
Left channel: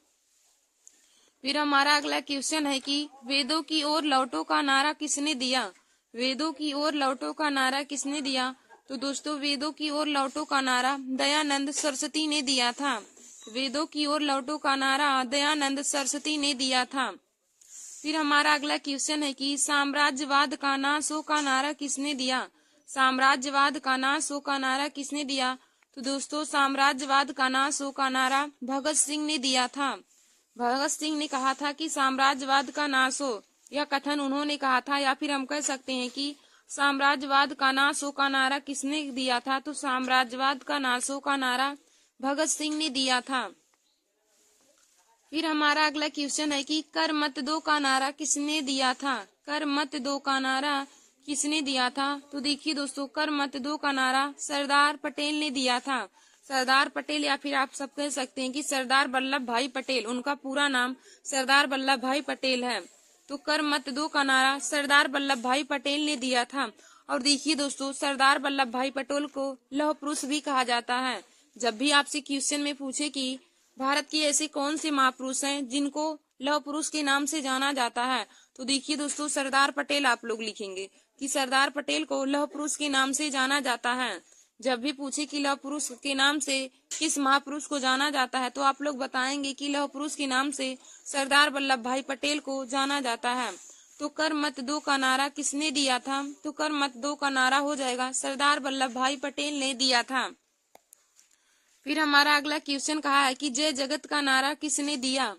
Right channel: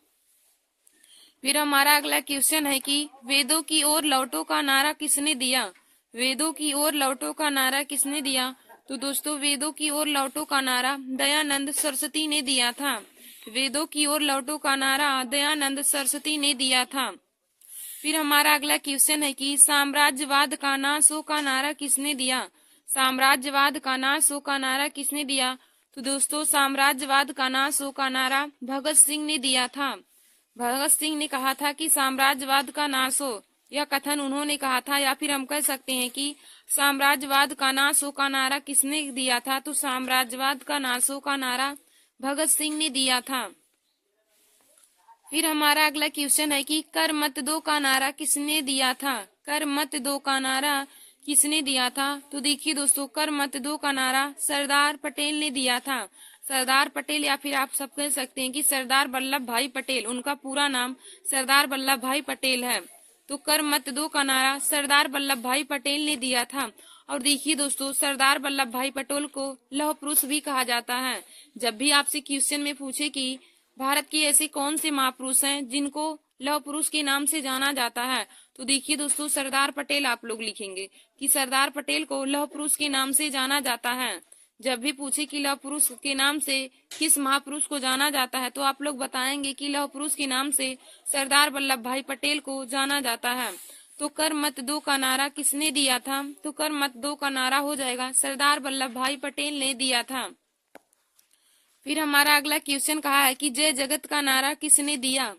फिर हमारा अगला क्वेश्चन है कि वेदों की ओर लौटो का नारा किसने दिया। वेदों की ओर लौटो का नारा किसने दिया। तो दोस्तों वेदों की ओर लौटो का नारा दयानंद सरस्वती ने दिया था। वेदों की ओर लौटो का नारा दयानंद सरस्वती ने दिया था। फिर हमारा अगला क्वेश्चन है कि साम्राज्यवाद का नाश हो का नारा किसने दिया। साम्राज्यवाद का नाश हो का नारा किसने दिया। तो दोस्तों साम्राज्यवाद का नाश हो का नारा भगत सिंह ने दिया था। भगत सिंह ने कहा था कि साम्राज्यवाद का नाश हो, यह कथन उन्होंने कहा था, या फिर हम कह सकते हैं कि साम्राज्यवाद का नाश हो का नारा किसने दिया था? तो साम्राज्यवाद का नाश हो का नारा भगत सिंह ने दिया था। फिर हमारा अगला क्वेश्चन है कि कर मत दो का नारा किसने दिया था? कर मत दो का नारा किसने दिया था? तो देखिए दोस्तों, कर मत दो का नारा सरदार पटेल ने दिया था। सरदार पटेल, या फिर आप सब कह सकते हैं कि सरदार वल्लभ भाई पटेल, उनका पूरा नाम सरदार वल्लभ भाई पटेल है। तो कर मत दो का नारा सरदार वल्लभ भाई पटेल ने दिया था। और देखिए दोस्तों, सरदार वल्लभ भाई पटेल को लौह पुरुष भी कहा जाता है। जब भी आपसे क्वेश्चन में पूछे कि भारत के ऐसे कौन से महापुरुष हैं जिनको लौह पुरुष के नाम से जाना जाता है, तो देखिए दोस्तों, सरदार पटेल आप लोग लिखेंगे कि सरदार पटेल को लौह पुरुष के नाम से जाना जाता है। जब भी पूछे कि लौह पुरुष के नाम से किस महापुरुष को जाना जाता है, तो आप लोग बताएंगे कि लौह पुरुष के नाम से सरदार वल्लभ भाई पटेल को जाना जाता है। तो कर मत दो का नारा किसने दिया था? तो कर मत दो का नारा हो जाएगा सरदार वल्लभ भाई पटेल ने दिया था। फिर हमारा अगला क्वेश्चन कहा है कि जय जगत का नारा किसने दिया?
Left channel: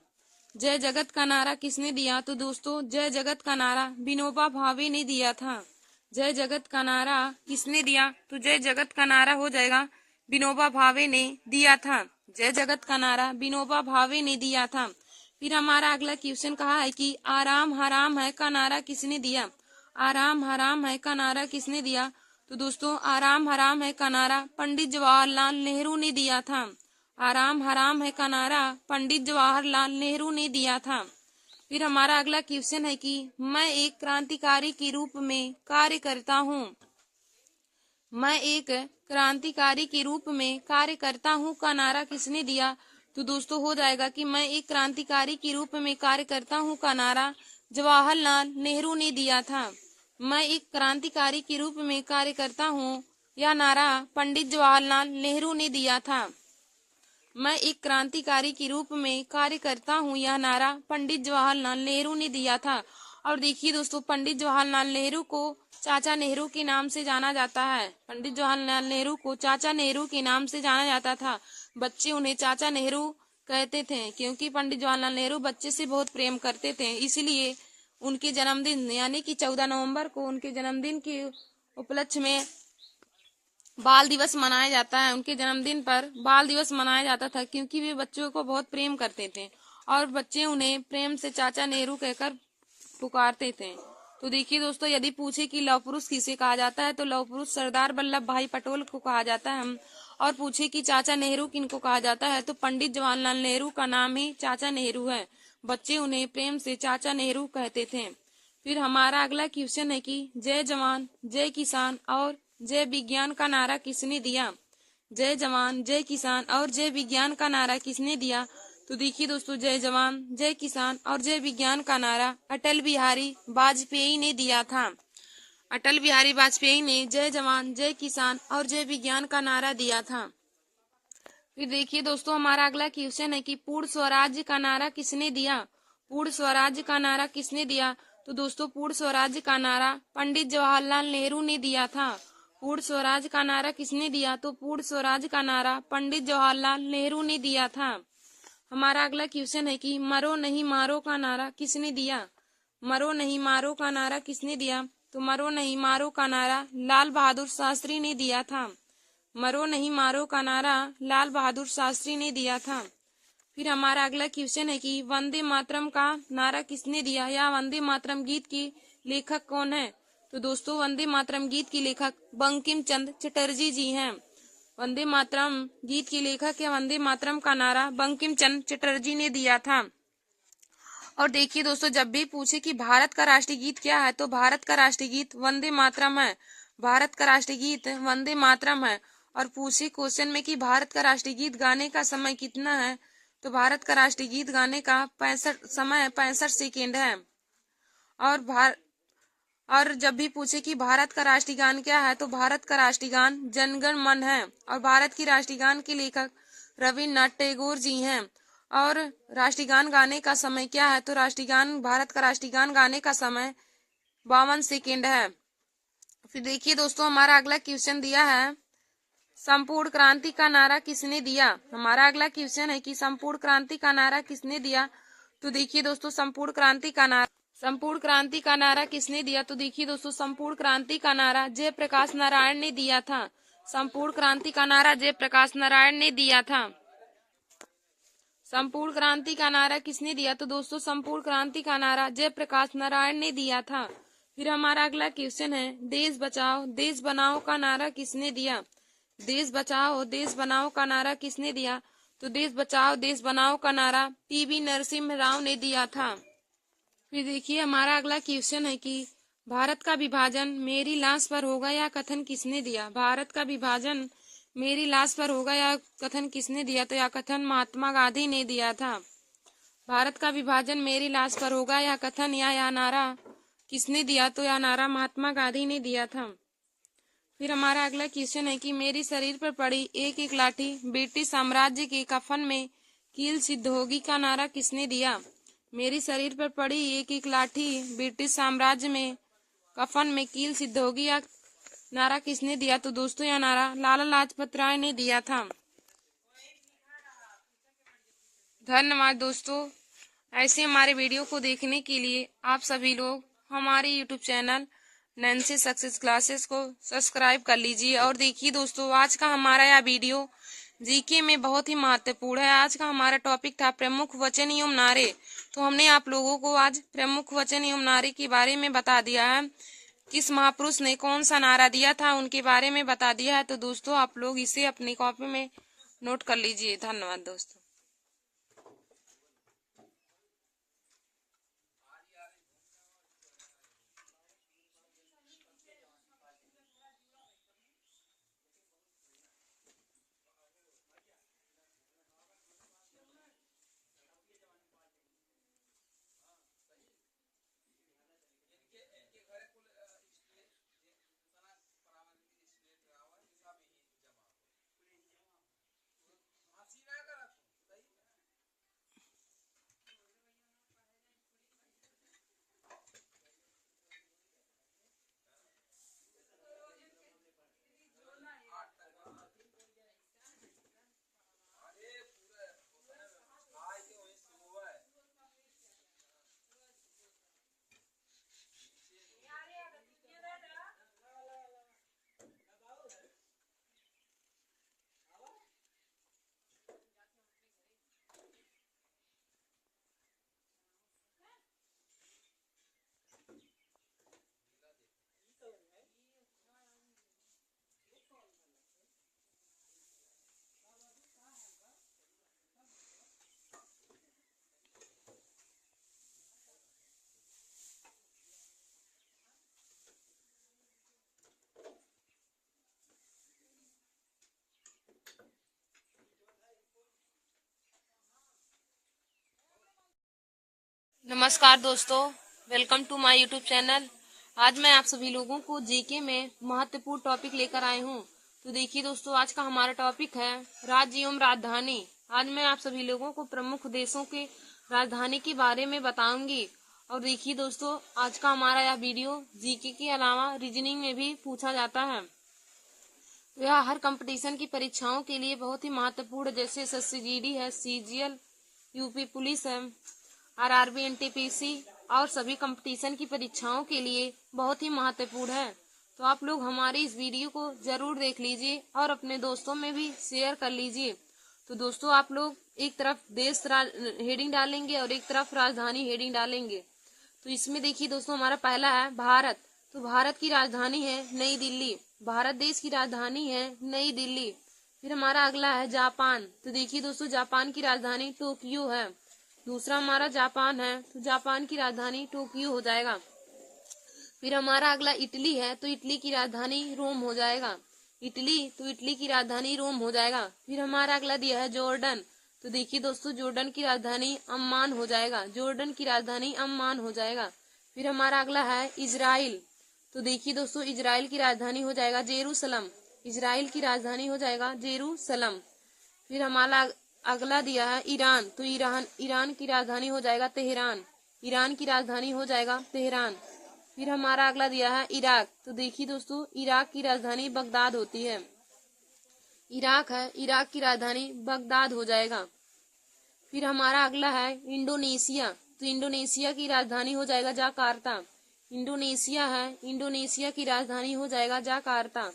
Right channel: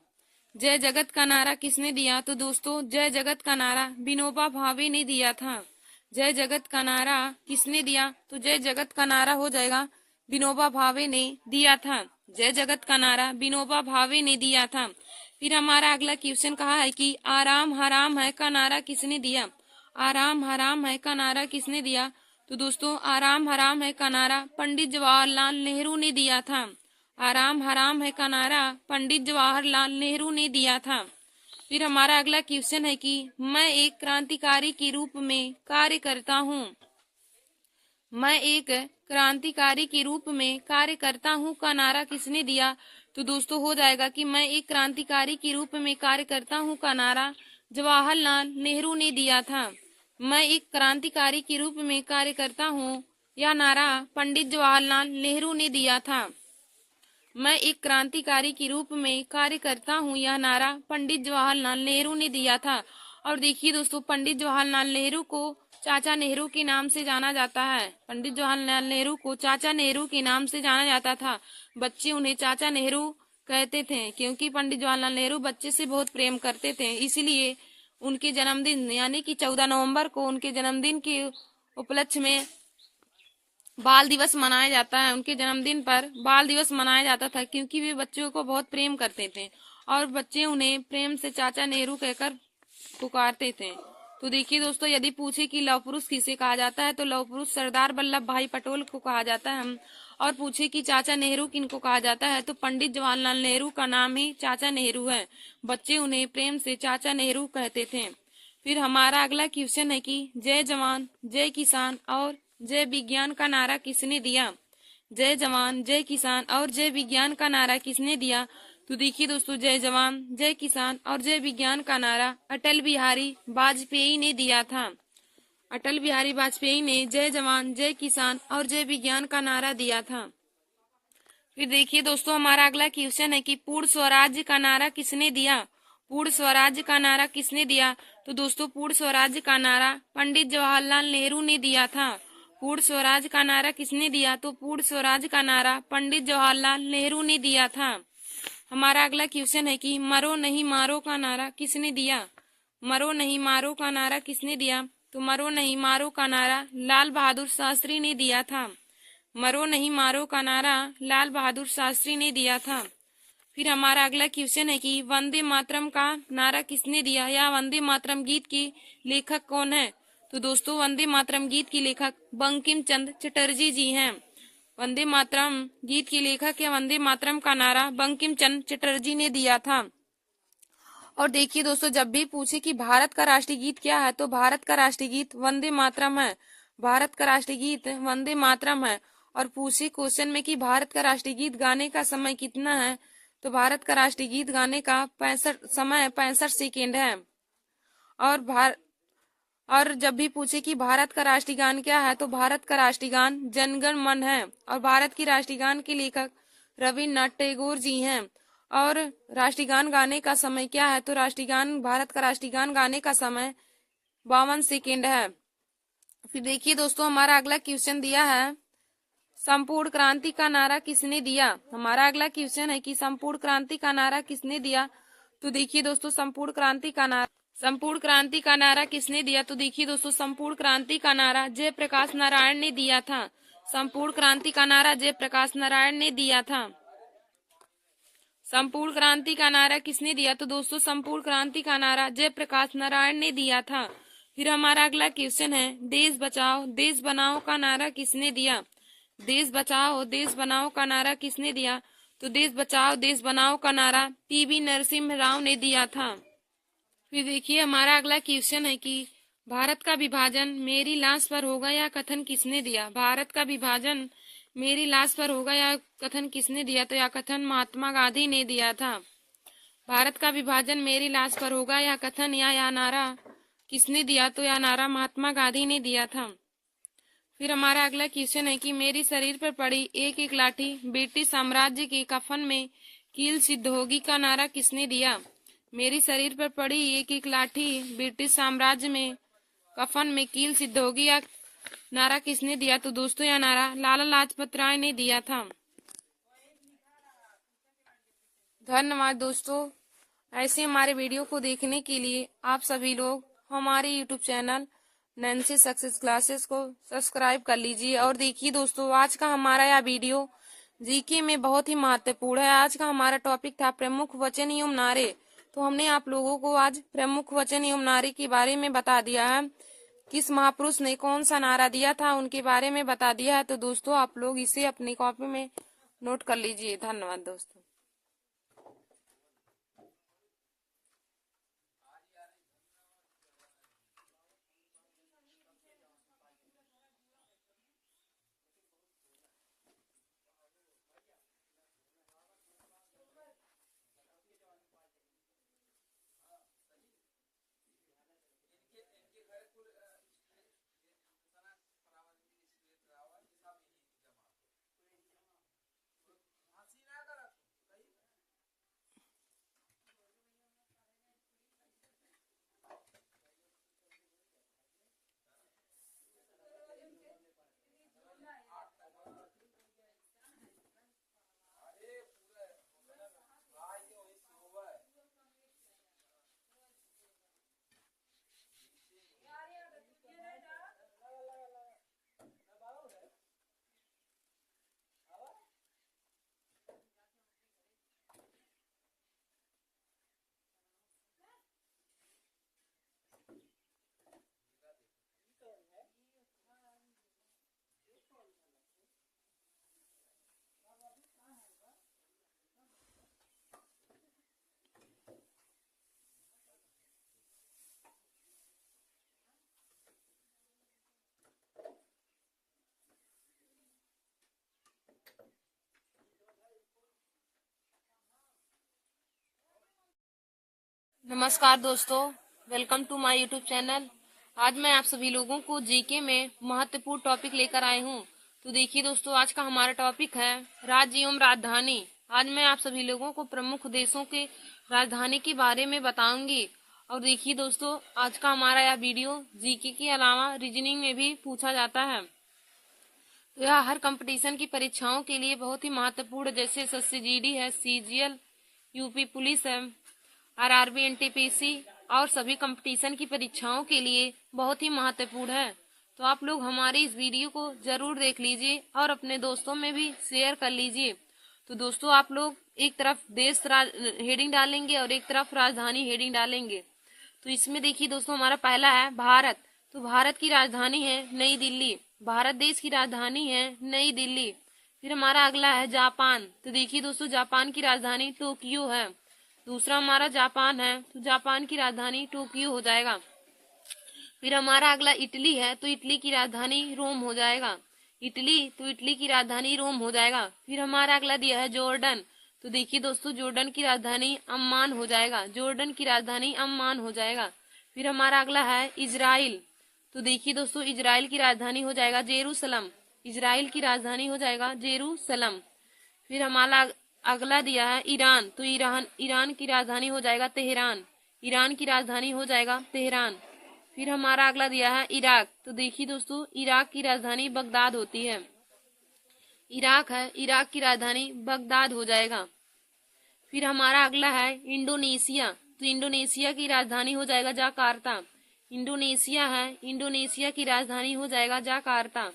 जय जगत का नारा किसने दिया? तो दोस्तों, जय जगत का नारा विनोबा भावे ने दिया था। जय जगत का नारा किसने दिया? तो जय जगत का नारा हो जाएगा विनोबा भावे ने दिया था। जय जगत का नारा विनोबा भावे ने दिया था। फिर हमारा अगला क्वेश्चन कहा है कि आराम हराम है का नारा किसने दिया? आराम हराम है का नारा किसने दिया? तो दोस्तों, आराम हराम है का नारा पंडित जवाहरलाल नेहरू ने दिया था। आराम हराम है का नारा पंडित जवाहरलाल नेहरू ने दिया था। फिर हमारा अगला क्वेश्चन है कि मैं एक क्रांतिकारी के रूप में कार्य करता हूँ। मैं एक क्रांतिकारी के रूप में कार्य करता हूँ का नारा किसने दिया? तो दोस्तों, हो जाएगा कि मैं एक क्रांतिकारी के रूप में कार्य करता हूँ का नारा जवाहरलाल नेहरू ने दिया था। मैं एक क्रांतिकारी के रूप में कार्य करता हूँ, यह नारा पंडित जवाहरलाल नेहरू ने दिया था। मैं एक क्रांतिकारी के रूप में कार्य करता हूँ, यह नारा पंडित जवाहरलाल नेहरू ने दिया था। और देखिए दोस्तों, पंडित जवाहरलाल नेहरू को चाचा नेहरू के नाम से जाना जाता है। पंडित जवाहरलाल नेहरू को चाचा नेहरू के नाम से जाना जाता था। बच्चे उन्हें चाचा नेहरू कहते थे, क्योंकि पंडित जवाहरलाल नेहरू बच्चे से बहुत प्रेम करते थे। इसलिए उनके जन्मदिन यानी कि 14 नवंबर को उनके जन्मदिन के उपलक्ष्य में बाल दिवस मनाया जाता है। उनके जन्मदिन पर बाल दिवस मनाया जाता था, क्योंकि वे बच्चों को बहुत प्रेम करते थे और बच्चे उन्हें प्रेम से चाचा नेहरू कहकर पुकारते थे। तो देखिए दोस्तों, यदि पूछे कि लौह पुरुष किसे कहा जाता है, तो लौह पुरुष सरदार वल्लभ भाई पटेल को कहा जाता है। और पूछे कि चाचा नेहरू किनको कहा जाता है, तो पंडित जवाहरलाल नेहरू का नाम ही चाचा नेहरू है। बच्चे उन्हें प्रेम से चाचा नेहरू कहते थे। फिर हमारा अगला क्वेश्चन है कि जय जवान जय किसान और जय विज्ञान का नारा किसने दिया? जय जवान जय किसान और जय विज्ञान का नारा किसने दिया? तो देखिए दोस्तों, जय जवान जय किसान और जय विज्ञान का नारा अटल बिहारी वाजपेयी ने दिया था। अटल बिहारी वाजपेयी ने जय जवान जय किसान और जय विज्ञान का नारा दिया था। फिर देखिए दोस्तों, हमारा अगला क्वेश्चन है कि पूर्ण स्वराज्य का नारा किसने दिया? पूर्ण स्वराज्य का नारा किसने दिया? तो दोस्तों, पूर्ण स्वराज्य का नारा पंडित जवाहरलाल नेहरू ने दिया था। पूर्ण स्वराज्य का नारा किसने दिया? तो पूर्ण स्वराज्य का नारा पंडित जवाहरलाल नेहरू ने दिया था। हमारा अगला क्वेश्चन है कि मरो नहीं मारो का नारा किसने दिया? मरो नहीं मारो का नारा किसने दिया? तो मरो नहीं मारो का नारा लाल बहादुर शास्त्री ने दिया था। मरो नहीं मारो का नारा लाल बहादुर शास्त्री ने दिया था। फिर हमारा अगला क्वेश्चन है कि वंदे मातरम का नारा किसने दिया, या वंदे मातरम गीत के लेखक कौन है? तो दोस्तों, वंदे मातरम गीत के लेखक बंकिम चंद्र चटर्जी जी हैं। वंदे मातरम गीत के लेखक या वंदे मातरम का नारा बंकिम चंद्र चटर्जी ने दिया था। और देखिए दोस्तों, जब भी पूछे कि भारत का राष्ट्रीय गीत क्या है, तो भारत का राष्ट्रीय गीत वंदे मातरम है। भारत का राष्ट्रीय गीत वंदे मातरम है। और पूछे क्वेश्चन में कि भारत का राष्ट्रीय गीत गाने का समय कितना है, तो भारत का राष्ट्रीय गीत गाने का 65 सेकेंड है। और जब भी पूछे कि भारत का राष्ट्रीय गान क्या है, तो भारत का राष्ट्रीय गान जन गण मन है। और भारत की राष्ट्रीय गान के लेखक रविन्द्रनाथ टैगोर जी हैं। और राष्ट्रीय गान गाने का समय क्या है, तो भारत का राष्ट्रीय गान गाने का समय 52 सेकेंड है। फिर देखिए दोस्तों, हमारा अगला क्वेश्चन दिया है संपूर्ण क्रांति का नारा किसने दिया? हमारा अगला क्वेश्चन है कि संपूर्ण क्रांति का नारा किसने दिया? तो देखिए दोस्तों, संपूर्ण क्रांति का नारा संपूर्ण क्रांति का नारा किसने दिया? तो देखिए दोस्तों, संपूर्ण क्रांति का नारा जयप्रकाश नारायण ने दिया था। संपूर्ण क्रांति का नारा जयप्रकाश नारायण ने दिया था। संपूर्ण क्रांति का नारा किसने दिया? तो दोस्तों, संपूर्ण क्रांति का नारा जयप्रकाश नारायण ने दिया था। फिर हमारा अगला क्वेश्चन है, देश बचाओ देश बनाओ का नारा किसने दिया? देश बचाओ देश बनाओ का नारा किसने दिया? तो देश बचाओ देश बनाओ का नारा पीवी नरसिम्हा राव ने दिया था। फिर देखिए हमारा अगला क्वेश्चन है कि भारत का विभाजन मेरी लाश पर होगा या कथन किसने दिया? भारत का विभाजन मेरी लाश पर होगा या कथन किसने दिया? तो यह कथन महात्मा गांधी ने दिया था। भारत का विभाजन मेरी लाश पर होगा या कथन या नारा किसने दिया? तो यह नारा महात्मा गांधी ने दिया था। फिर हमारा अगला क्वेश्चन है कि मेरी शरीर पर पड़ी एक एक लाठी ब्रिटिश साम्राज्य के कफन में कील सिद्ध होगी का नारा किसने दिया? मेरी शरीर पर पड़ी एक एक लाठी ब्रिटिश साम्राज्य में कफन में कील सिद्ध होगी या नारा किसने दिया? तो दोस्तों, यह नारा लाला लाजपत राय ने दिया था। धन्यवाद दोस्तों। ऐसे हमारे वीडियो को देखने के लिए आप सभी लोग हमारे YouTube channel Nancy success classes को सब्सक्राइब कर लीजिए। और देखिए दोस्तों, आज का हमारा यह वीडियो जीके में बहुत ही महत्वपूर्ण है। आज का हमारा टॉपिक था प्रमुख वचन एवं नारे। तो हमने आप लोगों को आज प्रमुख वचन एवं नारे के बारे में बता दिया है। किस महापुरुष ने कौन सा नारा दिया था उनके बारे में बता दिया है। तो दोस्तों, आप लोग इसे अपनी कॉपी में नोट कर लीजिए। धन्यवाद दोस्तों। नमस्कार दोस्तों, welcome to my YouTube channel. आज मैं आप सभी लोगों को जीके में महत्वपूर्ण टॉपिक लेकर आई हूँ। तो देखिए दोस्तों, आज का हमारा टॉपिक है राज्य एवं राजधानी। आज मैं आप सभी लोगों को प्रमुख देशों के राजधानी के बारे में बताऊंगी। और देखिए दोस्तों, आज का हमारा यह वीडियो जीके के अलावा रीजनिंग में भी पूछा जाता है। तो यह हर कंपटीशन की परीक्षाओं के लिए बहुत ही महत्वपूर्ण, जैसे SSCGD है, CGL, यूपी पुलिस है, RRB, NTPC और सभी कंपटीशन की परीक्षाओं के लिए बहुत ही महत्वपूर्ण है। तो आप लोग हमारी इस वीडियो को जरूर देख लीजिए और अपने दोस्तों में भी शेयर कर लीजिए। तो दोस्तों, आप लोग एक तरफ देश हेडिंग डालेंगे और एक तरफ राजधानी हेडिंग डालेंगे। तो इसमें देखिए दोस्तों, हमारा पहला है भारत। तो भारत की राजधानी है नई दिल्ली। भारत देश की राजधानी है नई दिल्ली। फिर हमारा अगला है जापान। तो देखिए दोस्तों, जापान की राजधानी टोक्यो है। दूसरा हमारा जापान है, तो जापान की राजधानी टोक्यो हो जाएगा। फिर हमारा अगला इटली है, तो इटली की राजधानी रोम हो जाएगा। इटली, तो इटली की राजधानी रोम हो जाएगा। फिर हमारा अगला दिया है जॉर्डन। तो देखिए दोस्तों, जॉर्डन की राजधानी अम्मान हो जाएगा। जॉर्डन की राजधानी अम्मान हो जाएगा। फिर हमारा अगला है इजराइल। तो देखिए दोस्तों, इजराइल की राजधानी हो जाएगा जेरूसलम। इजराइल की राजधानी हो जाएगा जेरूसलम। फिर हमारा अगला दिया है ईरान। तो ईरान की राजधानी हो जाएगा तेहरान। ईरान की राजधानी हो जाएगा तेहरान। फिर हमारा अगला दिया है इराक। तो देखिए दोस्तों, इराक की राजधानी बगदाद होती है। इराक है, इराक की राजधानी बगदाद हो जाएगा। फिर हमारा अगला है इंडोनेशिया। तो इंडोनेशिया की राजधानी हो जाएगा जाकार्ता। इंडोनेशिया है, इंडोनेशिया की राजधानी हो जाएगा जाकार्ता।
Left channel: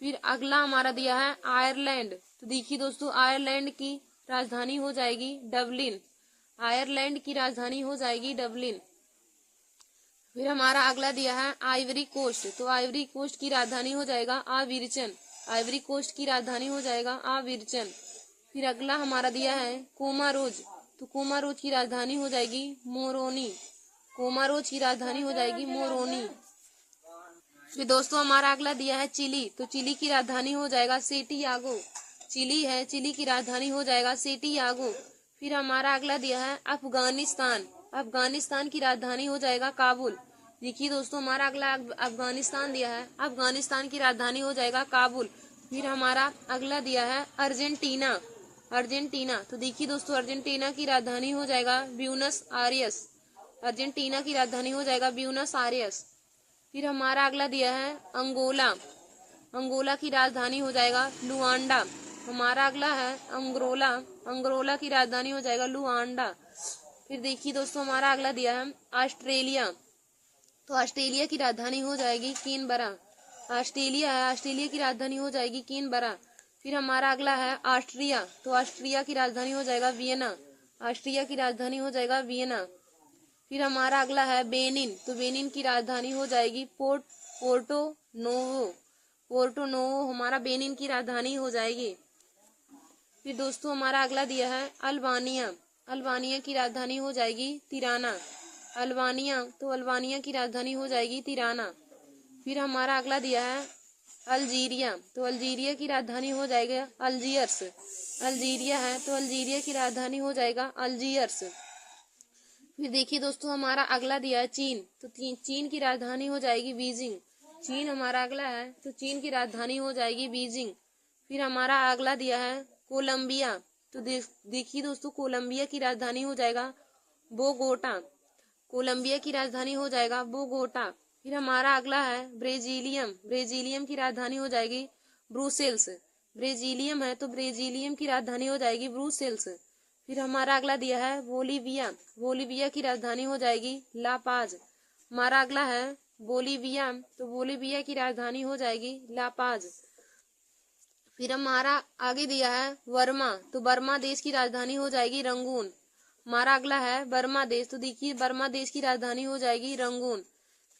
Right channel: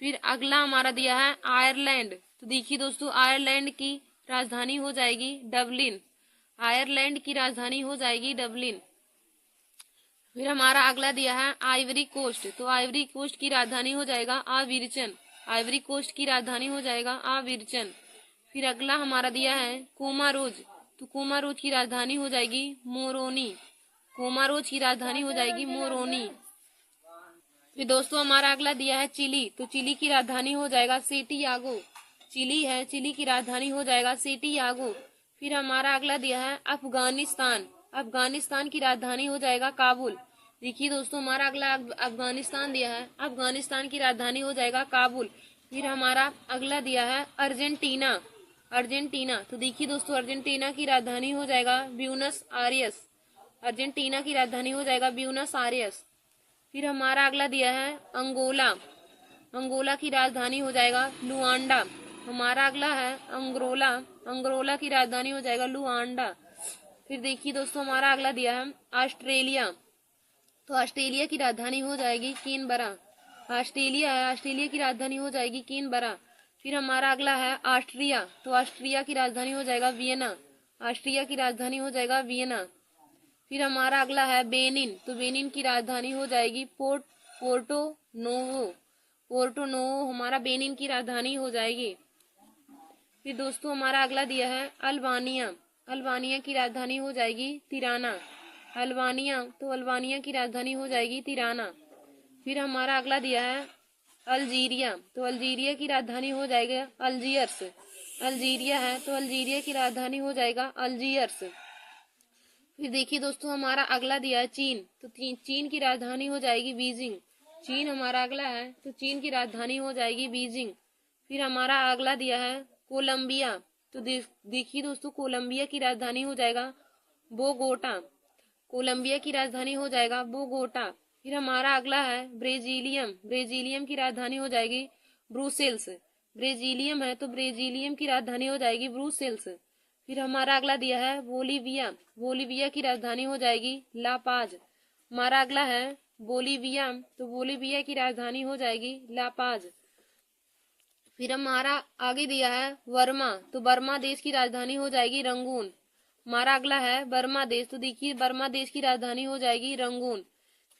फिर अगला हमारा दिया है आयरलैंड। तो देखिए दोस्तों, आयरलैंड की राजधानी हो जाएगी डबलिन। आयरलैंड की राजधानी हो जाएगी डबलिन। फिर हमारा अगला दिया है आइवरी कोस्ट। तो आइवरी कोस्ट की राजधानी हो जाएगा आविरचन। आइवरी कोस्ट की राजधानी हो जाएगा आविरचन। फिर अगला हमारा दिया है कोमारोज। तो कोमारोज की राजधानी हो जाएगी मोरोनी। कोमारोज की राजधानी हो जाएगी मोरोनी। फिर दोस्तों हमारा अगला दिया है चिली। तो चिली की राजधानी हो जाएगा सेंटियागो। चिली है, चिली की राजधानी हो जाएगा सेंटियागो। फिर हमारा अगला दिया है अफगानिस्तान। अफगानिस्तान की राजधानी हो जाएगा काबुल। देखिए दोस्तों, हमारा अगला अफगानिस्तान दिया है, अफगानिस्तान की राजधानी हो जाएगा काबुल। फिर हमारा अगला दिया है अर्जेंटीना। अर्जेंटीना। तो देखिए दोस्तों, अर्जेंटीना की राजधानी हो जाएगा ब्यूनस आयर्स। अर्जेंटीना की राजधानी हो जाएगा ब्यूनस आयर्स। फिर हमारा अगला दिया है अंगोला। अंगोला की राजधानी हो जाएगा लुआंडा। हमारा अगला है अंगोला। अंगोला की राजधानी हो जाएगा लुआंडा। फिर देखिए दोस्तों, हमारा अगला दिया है ऑस्ट्रेलिया। तो ऑस्ट्रेलिया की राजधानी हो जाएगी कैनबरा। ऑस्ट्रेलिया है, ऑस्ट्रेलिया की राजधानी हो जाएगी कैनबरा। फिर हमारा अगला है ऑस्ट्रिया। तो ऑस्ट्रिया की राजधानी हो जाएगा वियना। ऑस्ट्रिया की राजधानी हो जाएगा वियना। फिर हमारा अगला है बेनिन। तो बेनिन की राजधानी हो जाएगी पोर्टो नोवो। पोर्टो नोवो हमारा बेनिन की राजधानी हो जाएगी। फिर दोस्तों हमारा अगला दिया है अल्बानिया। अल्बानिया की राजधानी हो जाएगी तिराना। अल्बानिया, तो अल्बानिया की राजधानी हो जाएगी तिराना। फिर हमारा अगला दिया है अल्जीरिया। तो अल्जीरिया की राजधानी हो जाएगा अल्जीयर्स। अल्जीरिया है, तो अल्जीरिया की राजधानी हो जाएगा अल्जीयर्स। फिर देखिए दोस्तों, हमारा अगला दिया है चीन। तो चीन की राजधानी हो जाएगी बीजिंग। चीन हमारा अगला है, तो चीन की राजधानी हो जाएगी बीजिंग। फिर हमारा अगला दिया है कोलंबिया। तो देखिए दोस्तों, कोलंबिया की राजधानी हो जाएगा बोगोटा। कोलंबिया की राजधानी हो जाएगा बोगोटा। फिर हमारा अगला है ब्रेजिलियम। ब्रेजिलियम की राजधानी हो जाएगी ब्रुसेल्स। ब्रेजिलियम है, तो ब्रेजिलियम की राजधानी हो जाएगी ब्रुसेल्स। फिर हमारा अगला दिया है बोलीविया। बोलीविया की राजधानी हो जाएगी ला पाज। हमारा अगला है बोलीविया। तो बोलीविया की राजधानी हो जाएगी ला पाज। फिर हमारा आगे दिया है वर्मा। तो बर्मा देश की राजधानी हो जाएगी रंगून। हमारा अगला है बर्मा देश। तो देखिए, बर्मा देश की राजधानी हो जाएगी रंगून।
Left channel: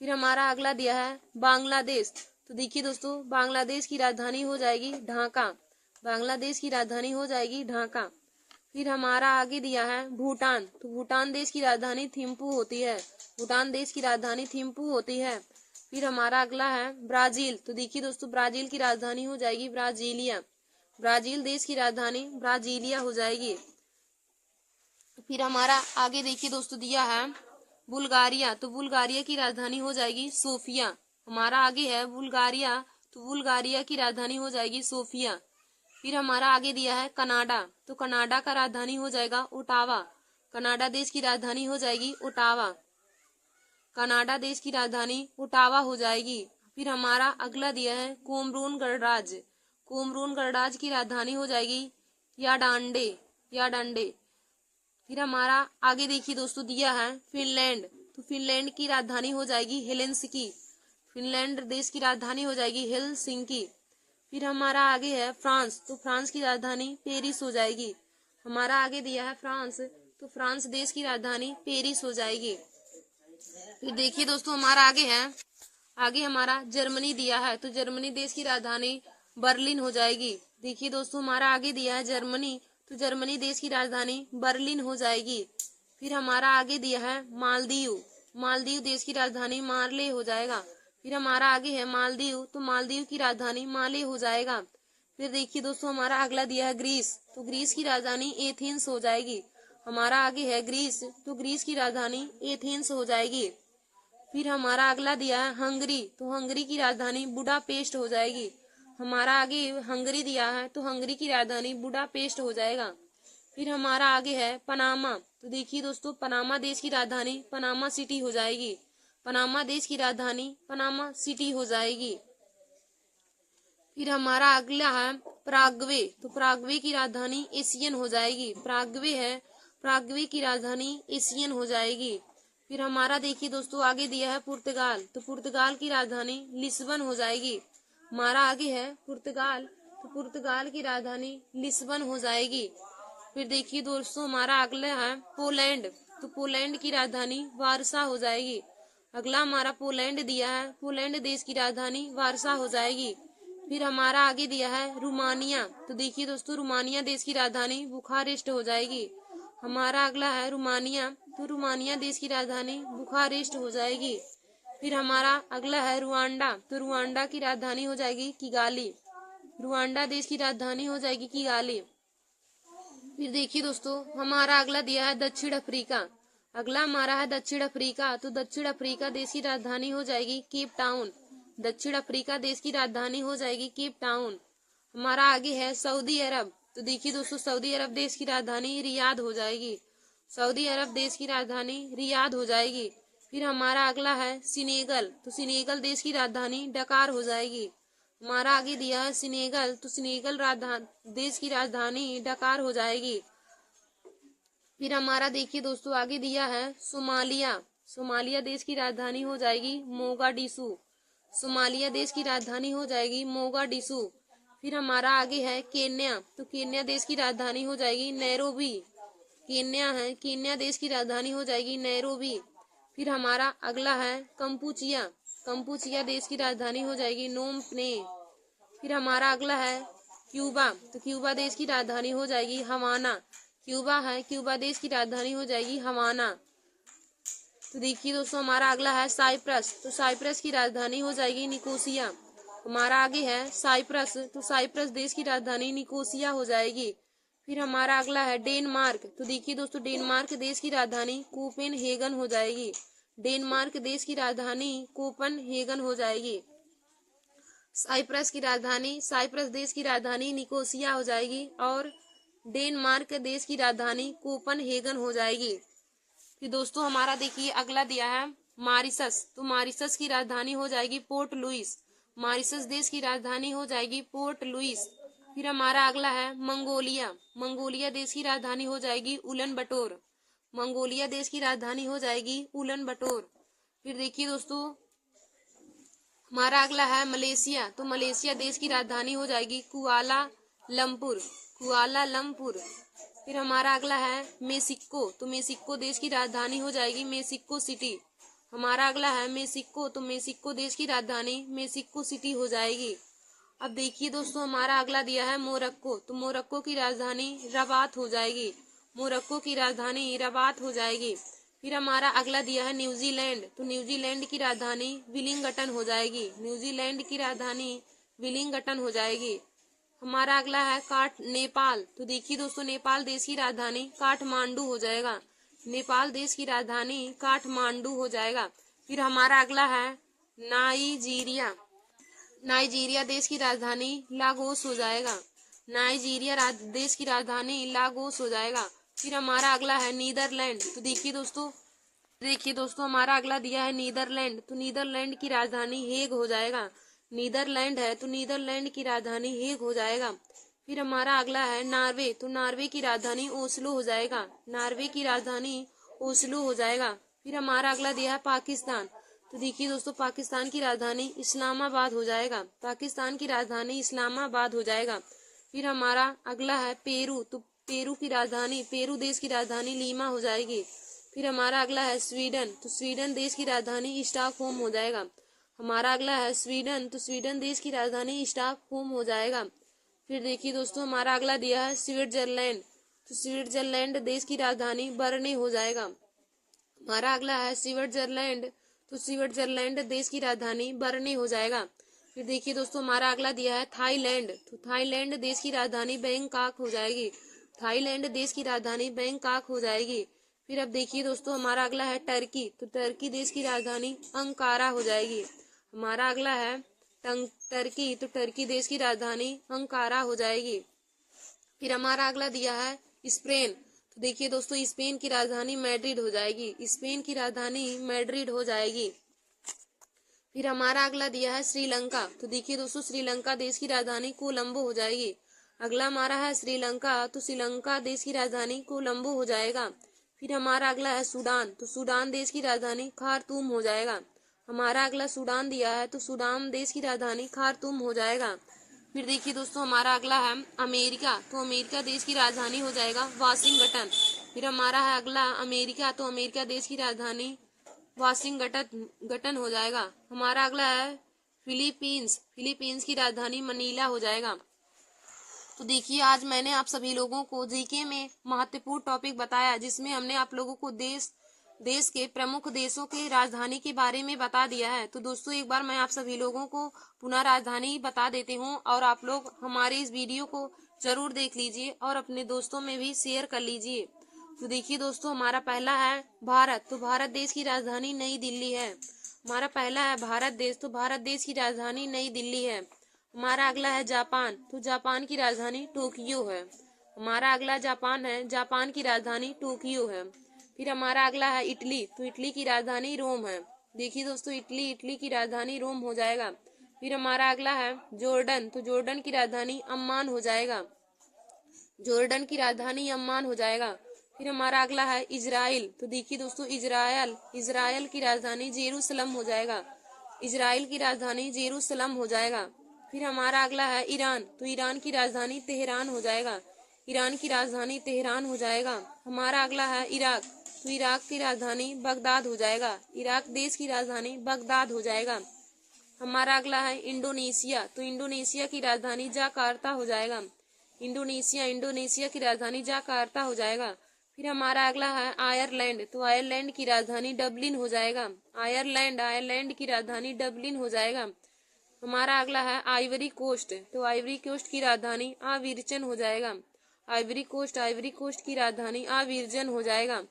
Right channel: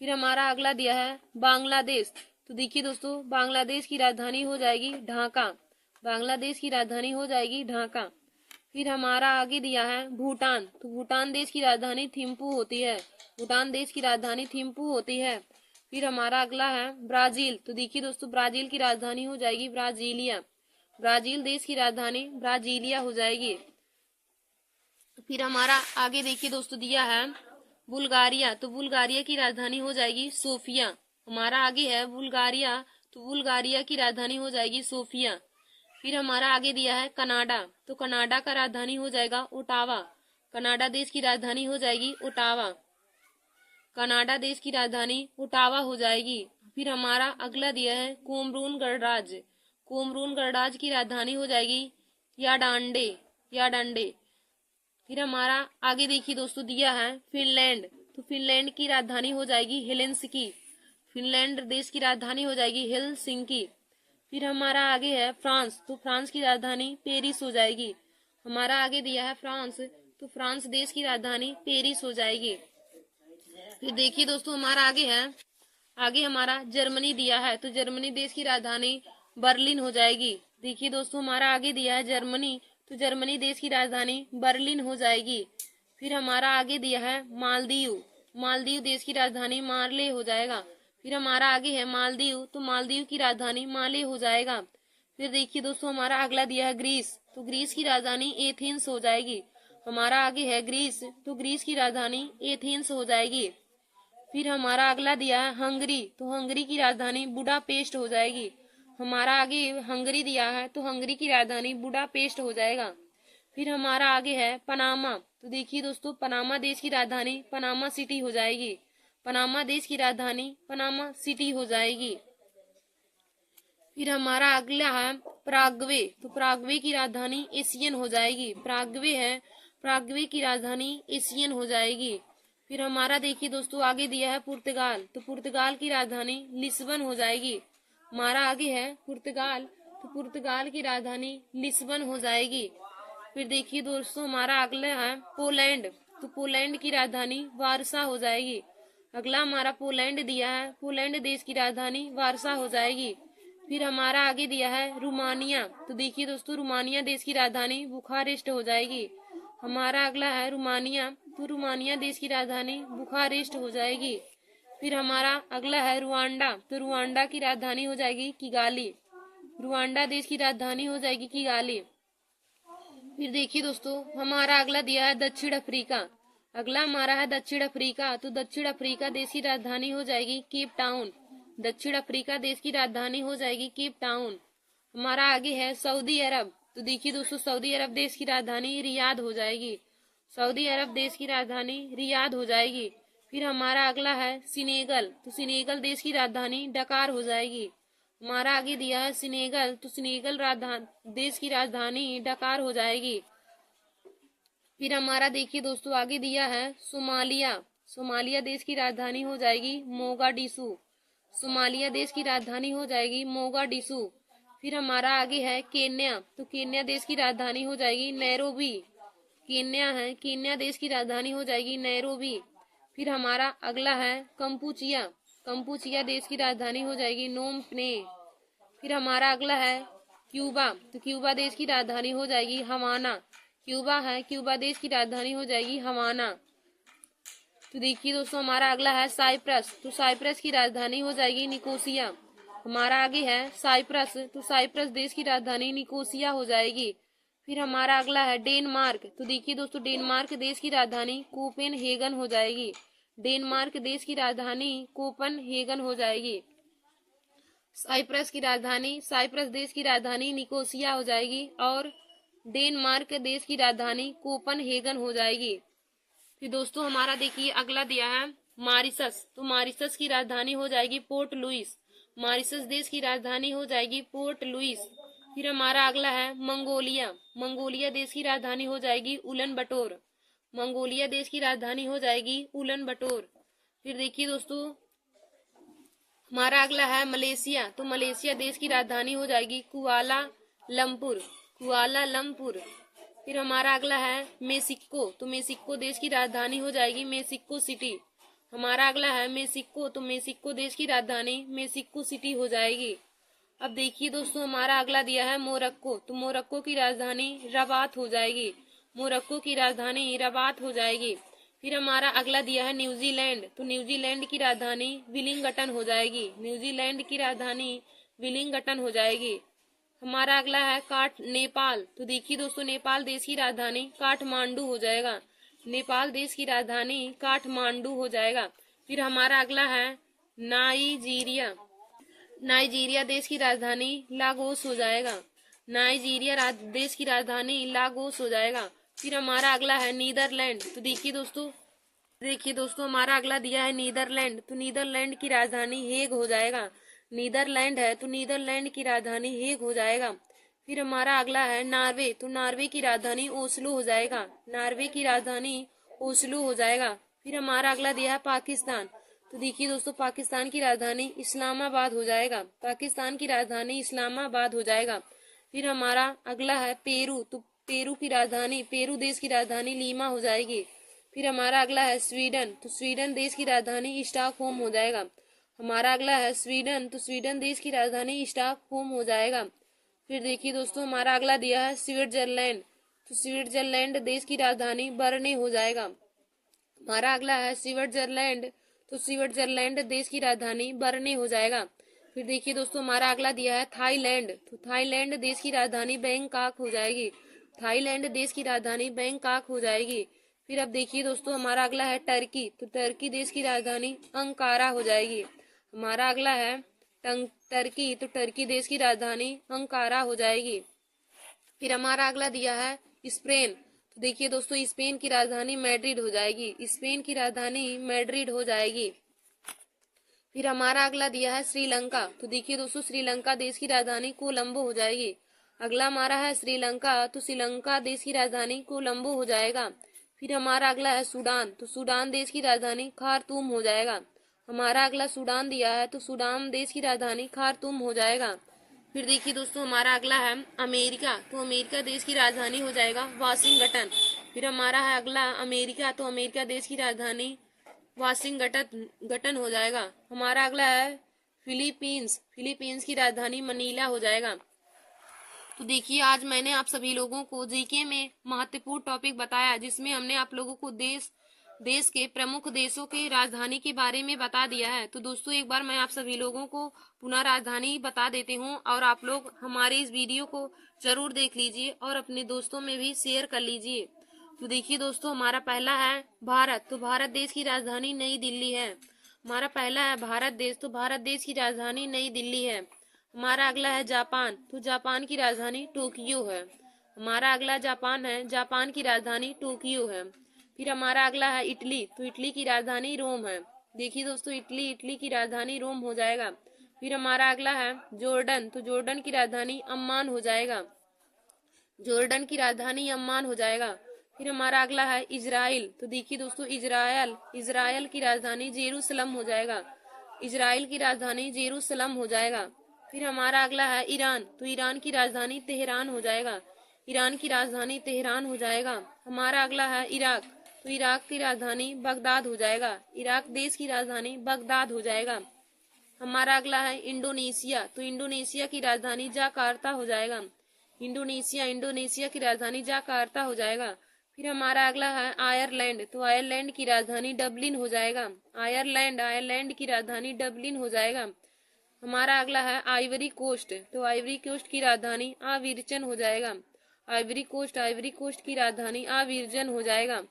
फिर हमारा अगला दिया है बांग्लादेश। तो देखिए दोस्तों, बांग्लादेश की राजधानी हो जाएगी ढाका। बांग्लादेश की राजधानी हो जाएगी ढाका। फिर हमारा आगे दिया है भूटान। तो भूटान देश की राजधानी थिम्पू होती है। भूटान देश की राजधानी थिम्पू होती है। फिर हमारा अगला है ब्राजील। तो देखिए दोस्तों, ब्राजील की राजधानी हो जाएगी ब्राजीलिया। ब्राजील देश की राजधानी ब्राजीलिया हो जाएगी। फिर हमारा आगे देखिए दोस्तों दिया है बुल्गारिया। तो बुल्गारिया की राजधानी हो जाएगी सोफिया। हमारा आगे है बुल्गारिया। तो बुल्गारिया की राजधानी हो जाएगी सोफिया। फिर हमारा आगे दिया है कनाडा। तो कनाडा का राजधानी हो जाएगा ओटावा। कनाडा देश की राजधानी हो जाएगी ओटावा। कनाडा देश की राजधानी ओटावा हो जाएगी। फिर हमारा अगला दिया है कोमरून गणराज्य। कोमरून गणराज्य की राजधानी हो जाएगी याडांडे। याडांडे। फिर हमारा आगे देखिए दोस्तों दिया है फिनलैंड। तो फिनलैंड की राजधानी हो जाएगी हेलेंसिकी। फिनलैंड देश की राजधानी हो जाएगी हेलसिंकी। फिर हमारा आगे है फ्रांस। तो फ्रांस की राजधानी पेरिस हो जाएगी। हमारा आगे दिया है फ्रांस। तो फ्रांस देश की राजधानी पेरिस हो जाएगी। फिर देखिए दोस्तों, हमारा आगे है, आगे हमारा जर्मनी दिया है। तो जर्मनी देश की राजधानी बर्लिन हो जाएगी। देखिए दोस्तों, हमारा आगे दिया है जर्मनी। तो जर्मनी देश की राजधानी बर्लिन हो जाएगी। फिर हमारा आगे दिया है मालदीव। मालदीव देश की राजधानी मार्ले हो जाएगा। फिर हमारा आगे है मालदीव। तो मालदीव की राजधानी माले हो जाएगा। फिर देखिए दोस्तों, हमारा अगला दिया है ग्रीस। तो ग्रीस की राजधानी एथेंस हो जाएगी। हमारा आगे है ग्रीस। तो ग्रीस की राजधानी एथेंस हो जाएगी। फिर हमारा अगला दिया है हंगरी। तो हंगरी की राजधानी बुडापेस्ट हो जाएगी। हमारा आगे हंगरी दिया है। तो हंगरी की राजधानी बुडापेस्ट हो जाएगा। फिर हमारा आगे है पनामा। तो देखिए दोस्तों, पनामा देश की राजधानी पनामा सिटी हो जाएगी। पनामा देश की राजधानी पनामा सिटी हो जाएगी। फिर हमारा अगला है पराग्वे। तो पराग्वे की राजधानी एशियन हो जाएगी। पराग्वे है, पराग्वे की राजधानी एशियन हो जाएगी। फिर हमारा देखिए दोस्तों आगे दिया है पुर्तगाल, तो पुर्तगाल की राजधानी लिस्बन हो जाएगी। हमारा आगे है पुर्तगाल, तो पुर्तगाल की राजधानी लिस्बन हो जाएगी। फिर देखिए दोस्तों हमारा अगला है पोलैंड, तो पोलैंड की राजधानी वारसा हो जाएगी। अगला हमारा पोलैंड दिया है, पोलैंड देश की राजधानी वारसा हो जाएगी। फिर हमारा आगे दिया है रोमानिया, तो देखिए दोस्तों रोमानिया देश की राजधानी बुखारेस्ट हो जाएगी। हमारा अगला है रोमानिया, तो रोमानिया देश की राजधानी बुखारेस्ट हो जाएगी। फिर हमारा अगला है रुआंडा, तो रुआंडा की राजधानी हो जाएगी किगाली। रुआंडा देश की राजधानी हो जाएगी किगाली। फिर देखिए दोस्तों हमारा अगला दिया है दक्षिण अफ्रीका। अगला हमारा है दक्षिण अफ्रीका, तो दक्षिण अफ्रीका देश की राजधानी हो जाएगी केप टाउन। दक्षिण अफ्रीका देश की राजधानी हो जाएगी केप टाउन। हमारा आगे है सऊदी अरब, तो देखिए दोस्तों सऊदी अरब देश की राजधानी रियाद हो जाएगी। सऊदी अरब देश की राजधानी रियाद हो जाएगी। फिर हमारा अगला है सिनेगल, तो सिनेगल देश की राजधानी डकार हो जाएगी। हमारा आगे दिया है सिनेगल, तो सिनेगल देश की राजधानी डकार हो जाएगी। फिर हमारा देखिए दोस्तों आगे दिया है सोमालिया, सोमालिया देश की राजधानी हो जाएगी मोगाडिशु। सोमालिया देश की राजधानी हो जाएगी मोगाडिशु। फिर हमारा आगे है केन्या, तो केन्या देश की राजधानी हो जाएगी नैरोबी। केन्या है, केन्या देश की राजधानी हो जाएगी नैरोबी। फिर हमारा अगला है कंपूचिया, कंपूचिया देश की राजधानी हो जाएगी नोम प्ने। फिर हमारा अगला है क्यूबा, तो क्यूबा देश की राजधानी हो जाएगी हवाना। क्यूबा है, क्यूबा देश की राजधानी हो जाएगी हवाना। तो देखिए दोस्तों हमारा अगला है साइप्रस, तो साइप्रस की राजधानी हो जाएगी निकोसिया। हमारा आगे है साइप्रस, तो साइप्रस देश की राजधानी निकोसिया हो जाएगी। फिर हमारा अगला है डेनमार्क, तो देखिए दोस्तों डेनमार्क देश की राजधानी कोपेनहेगन हो जाएगी। डेनमार्क देश की राजधानी कोपेनहेगन हो जाएगी। साइप्रस की राजधानी, साइप्रस देश की राजधानी निकोसिया हो जाएगी और डेनमार्क देश की राजधानी कोपेनहेगन हो जाएगी। फिर दोस्तों हमारा देखिए अगला दिया है मॉरिशस, तो मॉरिशस की राजधानी हो जाएगी पोर्ट लुइस। मॉरिशस देश की राजधानी हो जाएगी पोर्ट लुइस। फिर हमारा अगला है मंगोलिया, मंगोलिया देश की राजधानी हो जाएगी उलन बटोर। मंगोलिया देश की राजधानी हो जाएगी उलन बटोर। फिर देखिए दोस्तों हमारा अगला है मलेशिया, तो मलेशिया देश की राजधानी हो जाएगी कुआला लंपुर। कुआला लंपुर। फिर हमारा अगला है मेक्सिको, तो मेक्सिको देश की राजधानी हो जाएगी मेक्सिको सिटी। हमारा अगला है मेक्सिको, तो मेक्सिको देश की राजधानी मेक्सिको सिटी हो जाएगी। अब देखिए दोस्तों हमारा अगला दिया है मोरक्को, तो मोरक्को की राजधानी रबात हो जाएगी। मोरक्को की राजधानी रबात हो जाएगी। फिर हमारा अगला दिया है न्यूजीलैंड, तो न्यूजीलैंड की राजधानी विलिंगटन हो जाएगी। न्यूजीलैंड की राजधानी विलिंगटन हो जाएगी। हमारा अगला है नेपाल, तो देखिए दोस्तों नेपाल देश की राजधानी काठमांडू हो जाएगा। नेपाल देश की राजधानी काठमांडू हो जाएगा। फिर हमारा अगला है नाइजीरिया, नाइजीरिया देश की राजधानी लागोस हो जाएगा। नाइजीरिया देश की राजधानी लागोस हो जाएगा। फिर हमारा अगला है नीदरलैंड, तो देखिए दोस्तों हमारा अगला दिया है नीदरलैंड, तो नीदरलैंड की राजधानी हेग हो जाएगा। नीदरलैंड है, तो नीदरलैंड की राजधानी हेग हो जाएगा। फिर हमारा अगला है नॉर्वे, तो नॉर्वे की राजधानी ओस्लो हो जाएगा। नॉर्वे की राजधानी ओस्लो हो जाएगा। फिर हमारा अगला दिया है पाकिस्तान, तो देखिए दोस्तों पाकिस्तान की राजधानी इस्लामाबाद हो जाएगा। पाकिस्तान की राजधानी इस्लामाबाद हो जाएगा। फिर हमारा अगला है पेरू, तो पेरू की राजधानी, पेरू देश की राजधानी लीमा हो जाएगी। फिर हमारा अगला है स्वीडन, तो स्वीडन देश की राजधानी स्टॉकहोम हो जाएगा। हमारा अगला है स्वीडन, तो स्वीडन देश की राजधानी स्टॉकहोम हो जाएगा। फिर देखिए दोस्तों हमारा अगला दिया है स्विट्जरलैंड, तो स्विट्जरलैंड देश की राजधानी बर्ने हो जाएगा। हमारा अगला है स्विट्जरलैंड, तो स्विट्जरलैंड देश की राजधानी बर्ने हो जाएगा। फिर देखिए दोस्तों हमारा अगला दिया है थाईलैंड, तो थाईलैंड देश की राजधानी बैंकॉक हो जाएगी। थाईलैंड देश की राजधानी बैंकॉक हो जाएगी। फिर अब देखिए दोस्तों हमारा अगला है टर्की, तो टर्की देश की राजधानी अंकारा हो जाएगी। हमारा अगला है टर्की, तो टर्की देश की राजधानी अंकारा हो जाएगी। फिर हमारा अगला दिया है स्पेन, तो देखिए दोस्तों स्पेन की राजधानी मैड्रिड हो जाएगी। स्पेन की राजधानी मैड्रिड हो जाएगी। फिर हमारा अगला दिया है श्रीलंका, तो देखिए दोस्तों श्रीलंका देश की राजधानी कोलंबो हो जाएगी। अगला हमारा है श्रीलंका, तो श्रीलंका देश की राजधानी कोलंबो हो जाएगा। फिर हमारा अगला है सूडान, तो सूडान देश की राजधानी खार्तूम हो जाएगा। हमारा अगला सूडान दिया है, तो सूडान देश की राजधानी खार्तूम हो जाएगा। फिर देखिए दोस्तों हमारा अगला है अमेरिका, तो अमेरिका देश की राजधानी हो जाएगा वाशिंगटन। फिर हमारा है अगला अमेरिका, तो अमेरिका देश की राजधानी वाशिंगटन हो जाएगा। हमारा अगला है फिलीपींस, फिलीपींस की राजधानी मनीला हो जाएगा। तो देखिए आज मैंने आप सभी लोगों को जीके में महत्वपूर्ण टॉपिक बताया, जिसमें हमने आप लोगों को देश के प्रमुख देशों के राजधानी के बारे में बता दिया है। तो दोस्तों एक बार मैं आप सभी लोगों को पुनः राजधानी बता देती हूँ, और आप लोग हमारे इस वीडियो को जरूर देख लीजिए और अपने दोस्तों में भी शेयर कर लीजिए। तो देखिए दोस्तों हमारा पहला है भारत, तो भारत देश की राजधानी नई दिल्ली है। हमारा पहला है भारत देश, तो भारत देश की राजधानी नई दिल्ली है। हमारा अगला है जापान, तो जापान की राजधानी टोक्यो है। हमारा अगला जापान है, जापान की राजधानी टोक्यो है। फिर हमारा अगला है इटली, तो इटली की राजधानी रोम है। देखिए दोस्तों इटली की राजधानी रोम हो जाएगा। फिर हमारा अगला है जॉर्डन, तो जॉर्डन की राजधानी अम्मान हो जाएगा। जॉर्डन की राजधानी अम्मान हो जाएगा। फिर हमारा अगला है इजराइल, तो देखिए दोस्तों इजराइल की राजधानी जेरूसलम हो जाएगा। इजराइल की राजधानी जेरूसलम हो जाएगा। फिर हमारा अगला है ईरान, तो ईरान की राजधानी तेहरान हो जाएगा। ईरान की राजधानी तेहरान हो जाएगा। हमारा अगला है इराक, तो इराक की राजधानी बगदाद हो जाएगा। इराक देश की राजधानी बगदाद हो जाएगा। हमारा अगला है इंडोनेशिया, तो इंडोनेशिया की राजधानी जाकार्ता हो जाएगा। इंडोनेशिया की राजधानी जाकार्ता हो जाएगा। फिर हमारा अगला है आयरलैंड, तो आयरलैंड की राजधानी डबलिन हो जाएगा। आयरलैंड की राजधानी डबलिन हो जाएगा। हमारा अगला है आइवरी कोस्ट, तो आइवरी कोस्ट की राजधानी आविर्जन हो जाएगा। आइवरी कोस्ट की राजधानी आविर्जन हो जाएगा।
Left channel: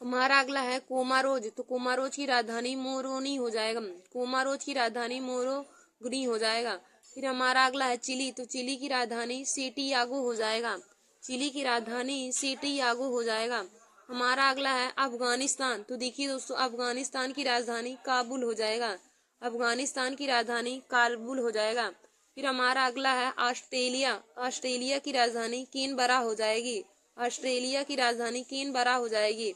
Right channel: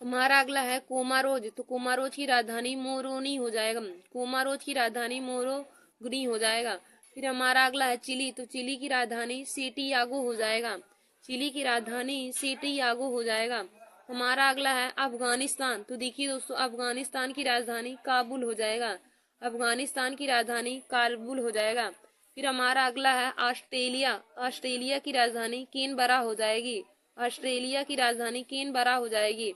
हमारा अगला है कोमारोज, तो कोमारोज की राजधानी मोरोनी हो जाएगा। कोमारोज की राजधानी मोरोगनी हो जाएगा। फिर हमारा अगला है चिली, तो चिली की राजधानी सेंटियागो हो जाएगा। चिली की राजधानी सेंटियागो हो जाएगा। हमारा अगला है अफगानिस्तान, तो देखिए दोस्तों अफगानिस्तान की राजधानी काबुल हो जाएगा। अफगानिस्तान की राजधानी काबुल हो जाएगा। फिर हमारा अगला है ऑस्ट्रेलिया, ऑस्ट्रेलिया की राजधानी कैनबरा हो जाएगी। ऑस्ट्रेलिया की राजधानी कैनबरा हो जाएगी।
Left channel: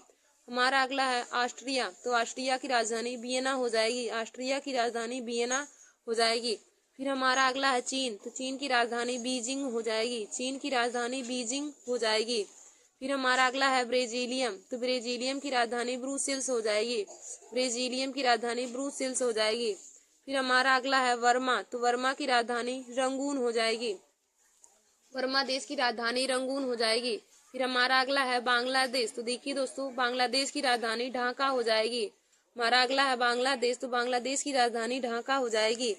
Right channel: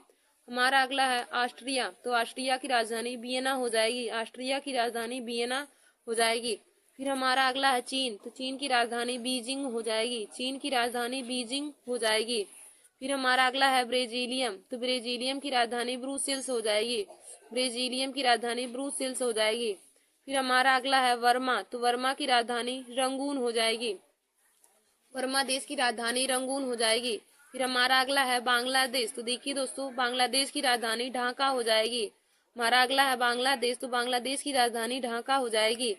हमारा अगला है ऑस्ट्रिया, तो ऑस्ट्रिया की राजधानी वियना हो जाएगी। ऑस्ट्रिया की राजधानी वियना हो जाएगी। फिर हमारा अगला है चीन, तो चीन की राजधानी बीजिंग हो जाएगी। चीन की राजधानी बीजिंग हो जाएगी। फिर हमारा अगला है ब्राजीलियम, तो ब्राजीलियम की राजधानी ब्रुसेल्स हो जाएगी। ब्राजीलियम की राजधानी ब्रुसेल्स हो जाएगी। फिर हमारा अगला है वर्मा, तो वर्मा की राजधानी रंगून हो जाएगी। वर्मा देश की राजधानी रंगून हो जाएगी। फिर हमारा अगला है बांग्लादेश, तो देखिए दोस्तों बांग्लादेश की राजधानी ढाका हो जाएगी। हमारा अगला है बांग्लादेश, तो बांग्लादेश की राजधानी ढाका हो जाएगी।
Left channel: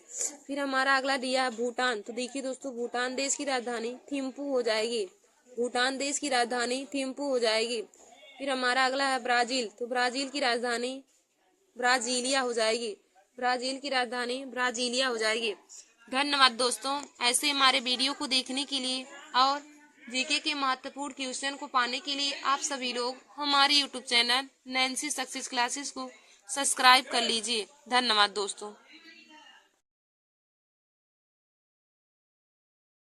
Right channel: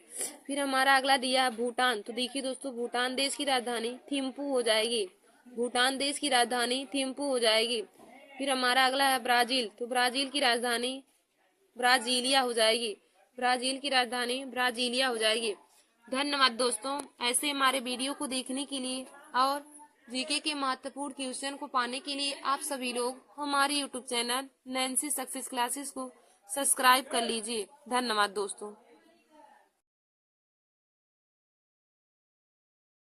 फिर हमारा अगला दिया है भूटान, तो देखिए दोस्तों भूटान देश की राजधानी थिम्पू हो जाएगी। भूटान देश की राजधानी थिम्पू हो जाएगी। फिर हमारा अगला है ब्राजील, तो ब्राजील की राजधानी ब्राजीलिया हो जाएगी। ब्राजील की राजधानी ब्राजीलिया हो जाएगी। धन्यवाद दोस्तों, ऐसे हमारे वीडियो को देखने के लिए और जीके के महत्वपूर्ण क्वेश्चन को पाने के लिए आप सभी लोग हमारे YouTube channel Nancy success classes को सब्सक्राइब कर लीजिए। धन्यवाद दोस्तों।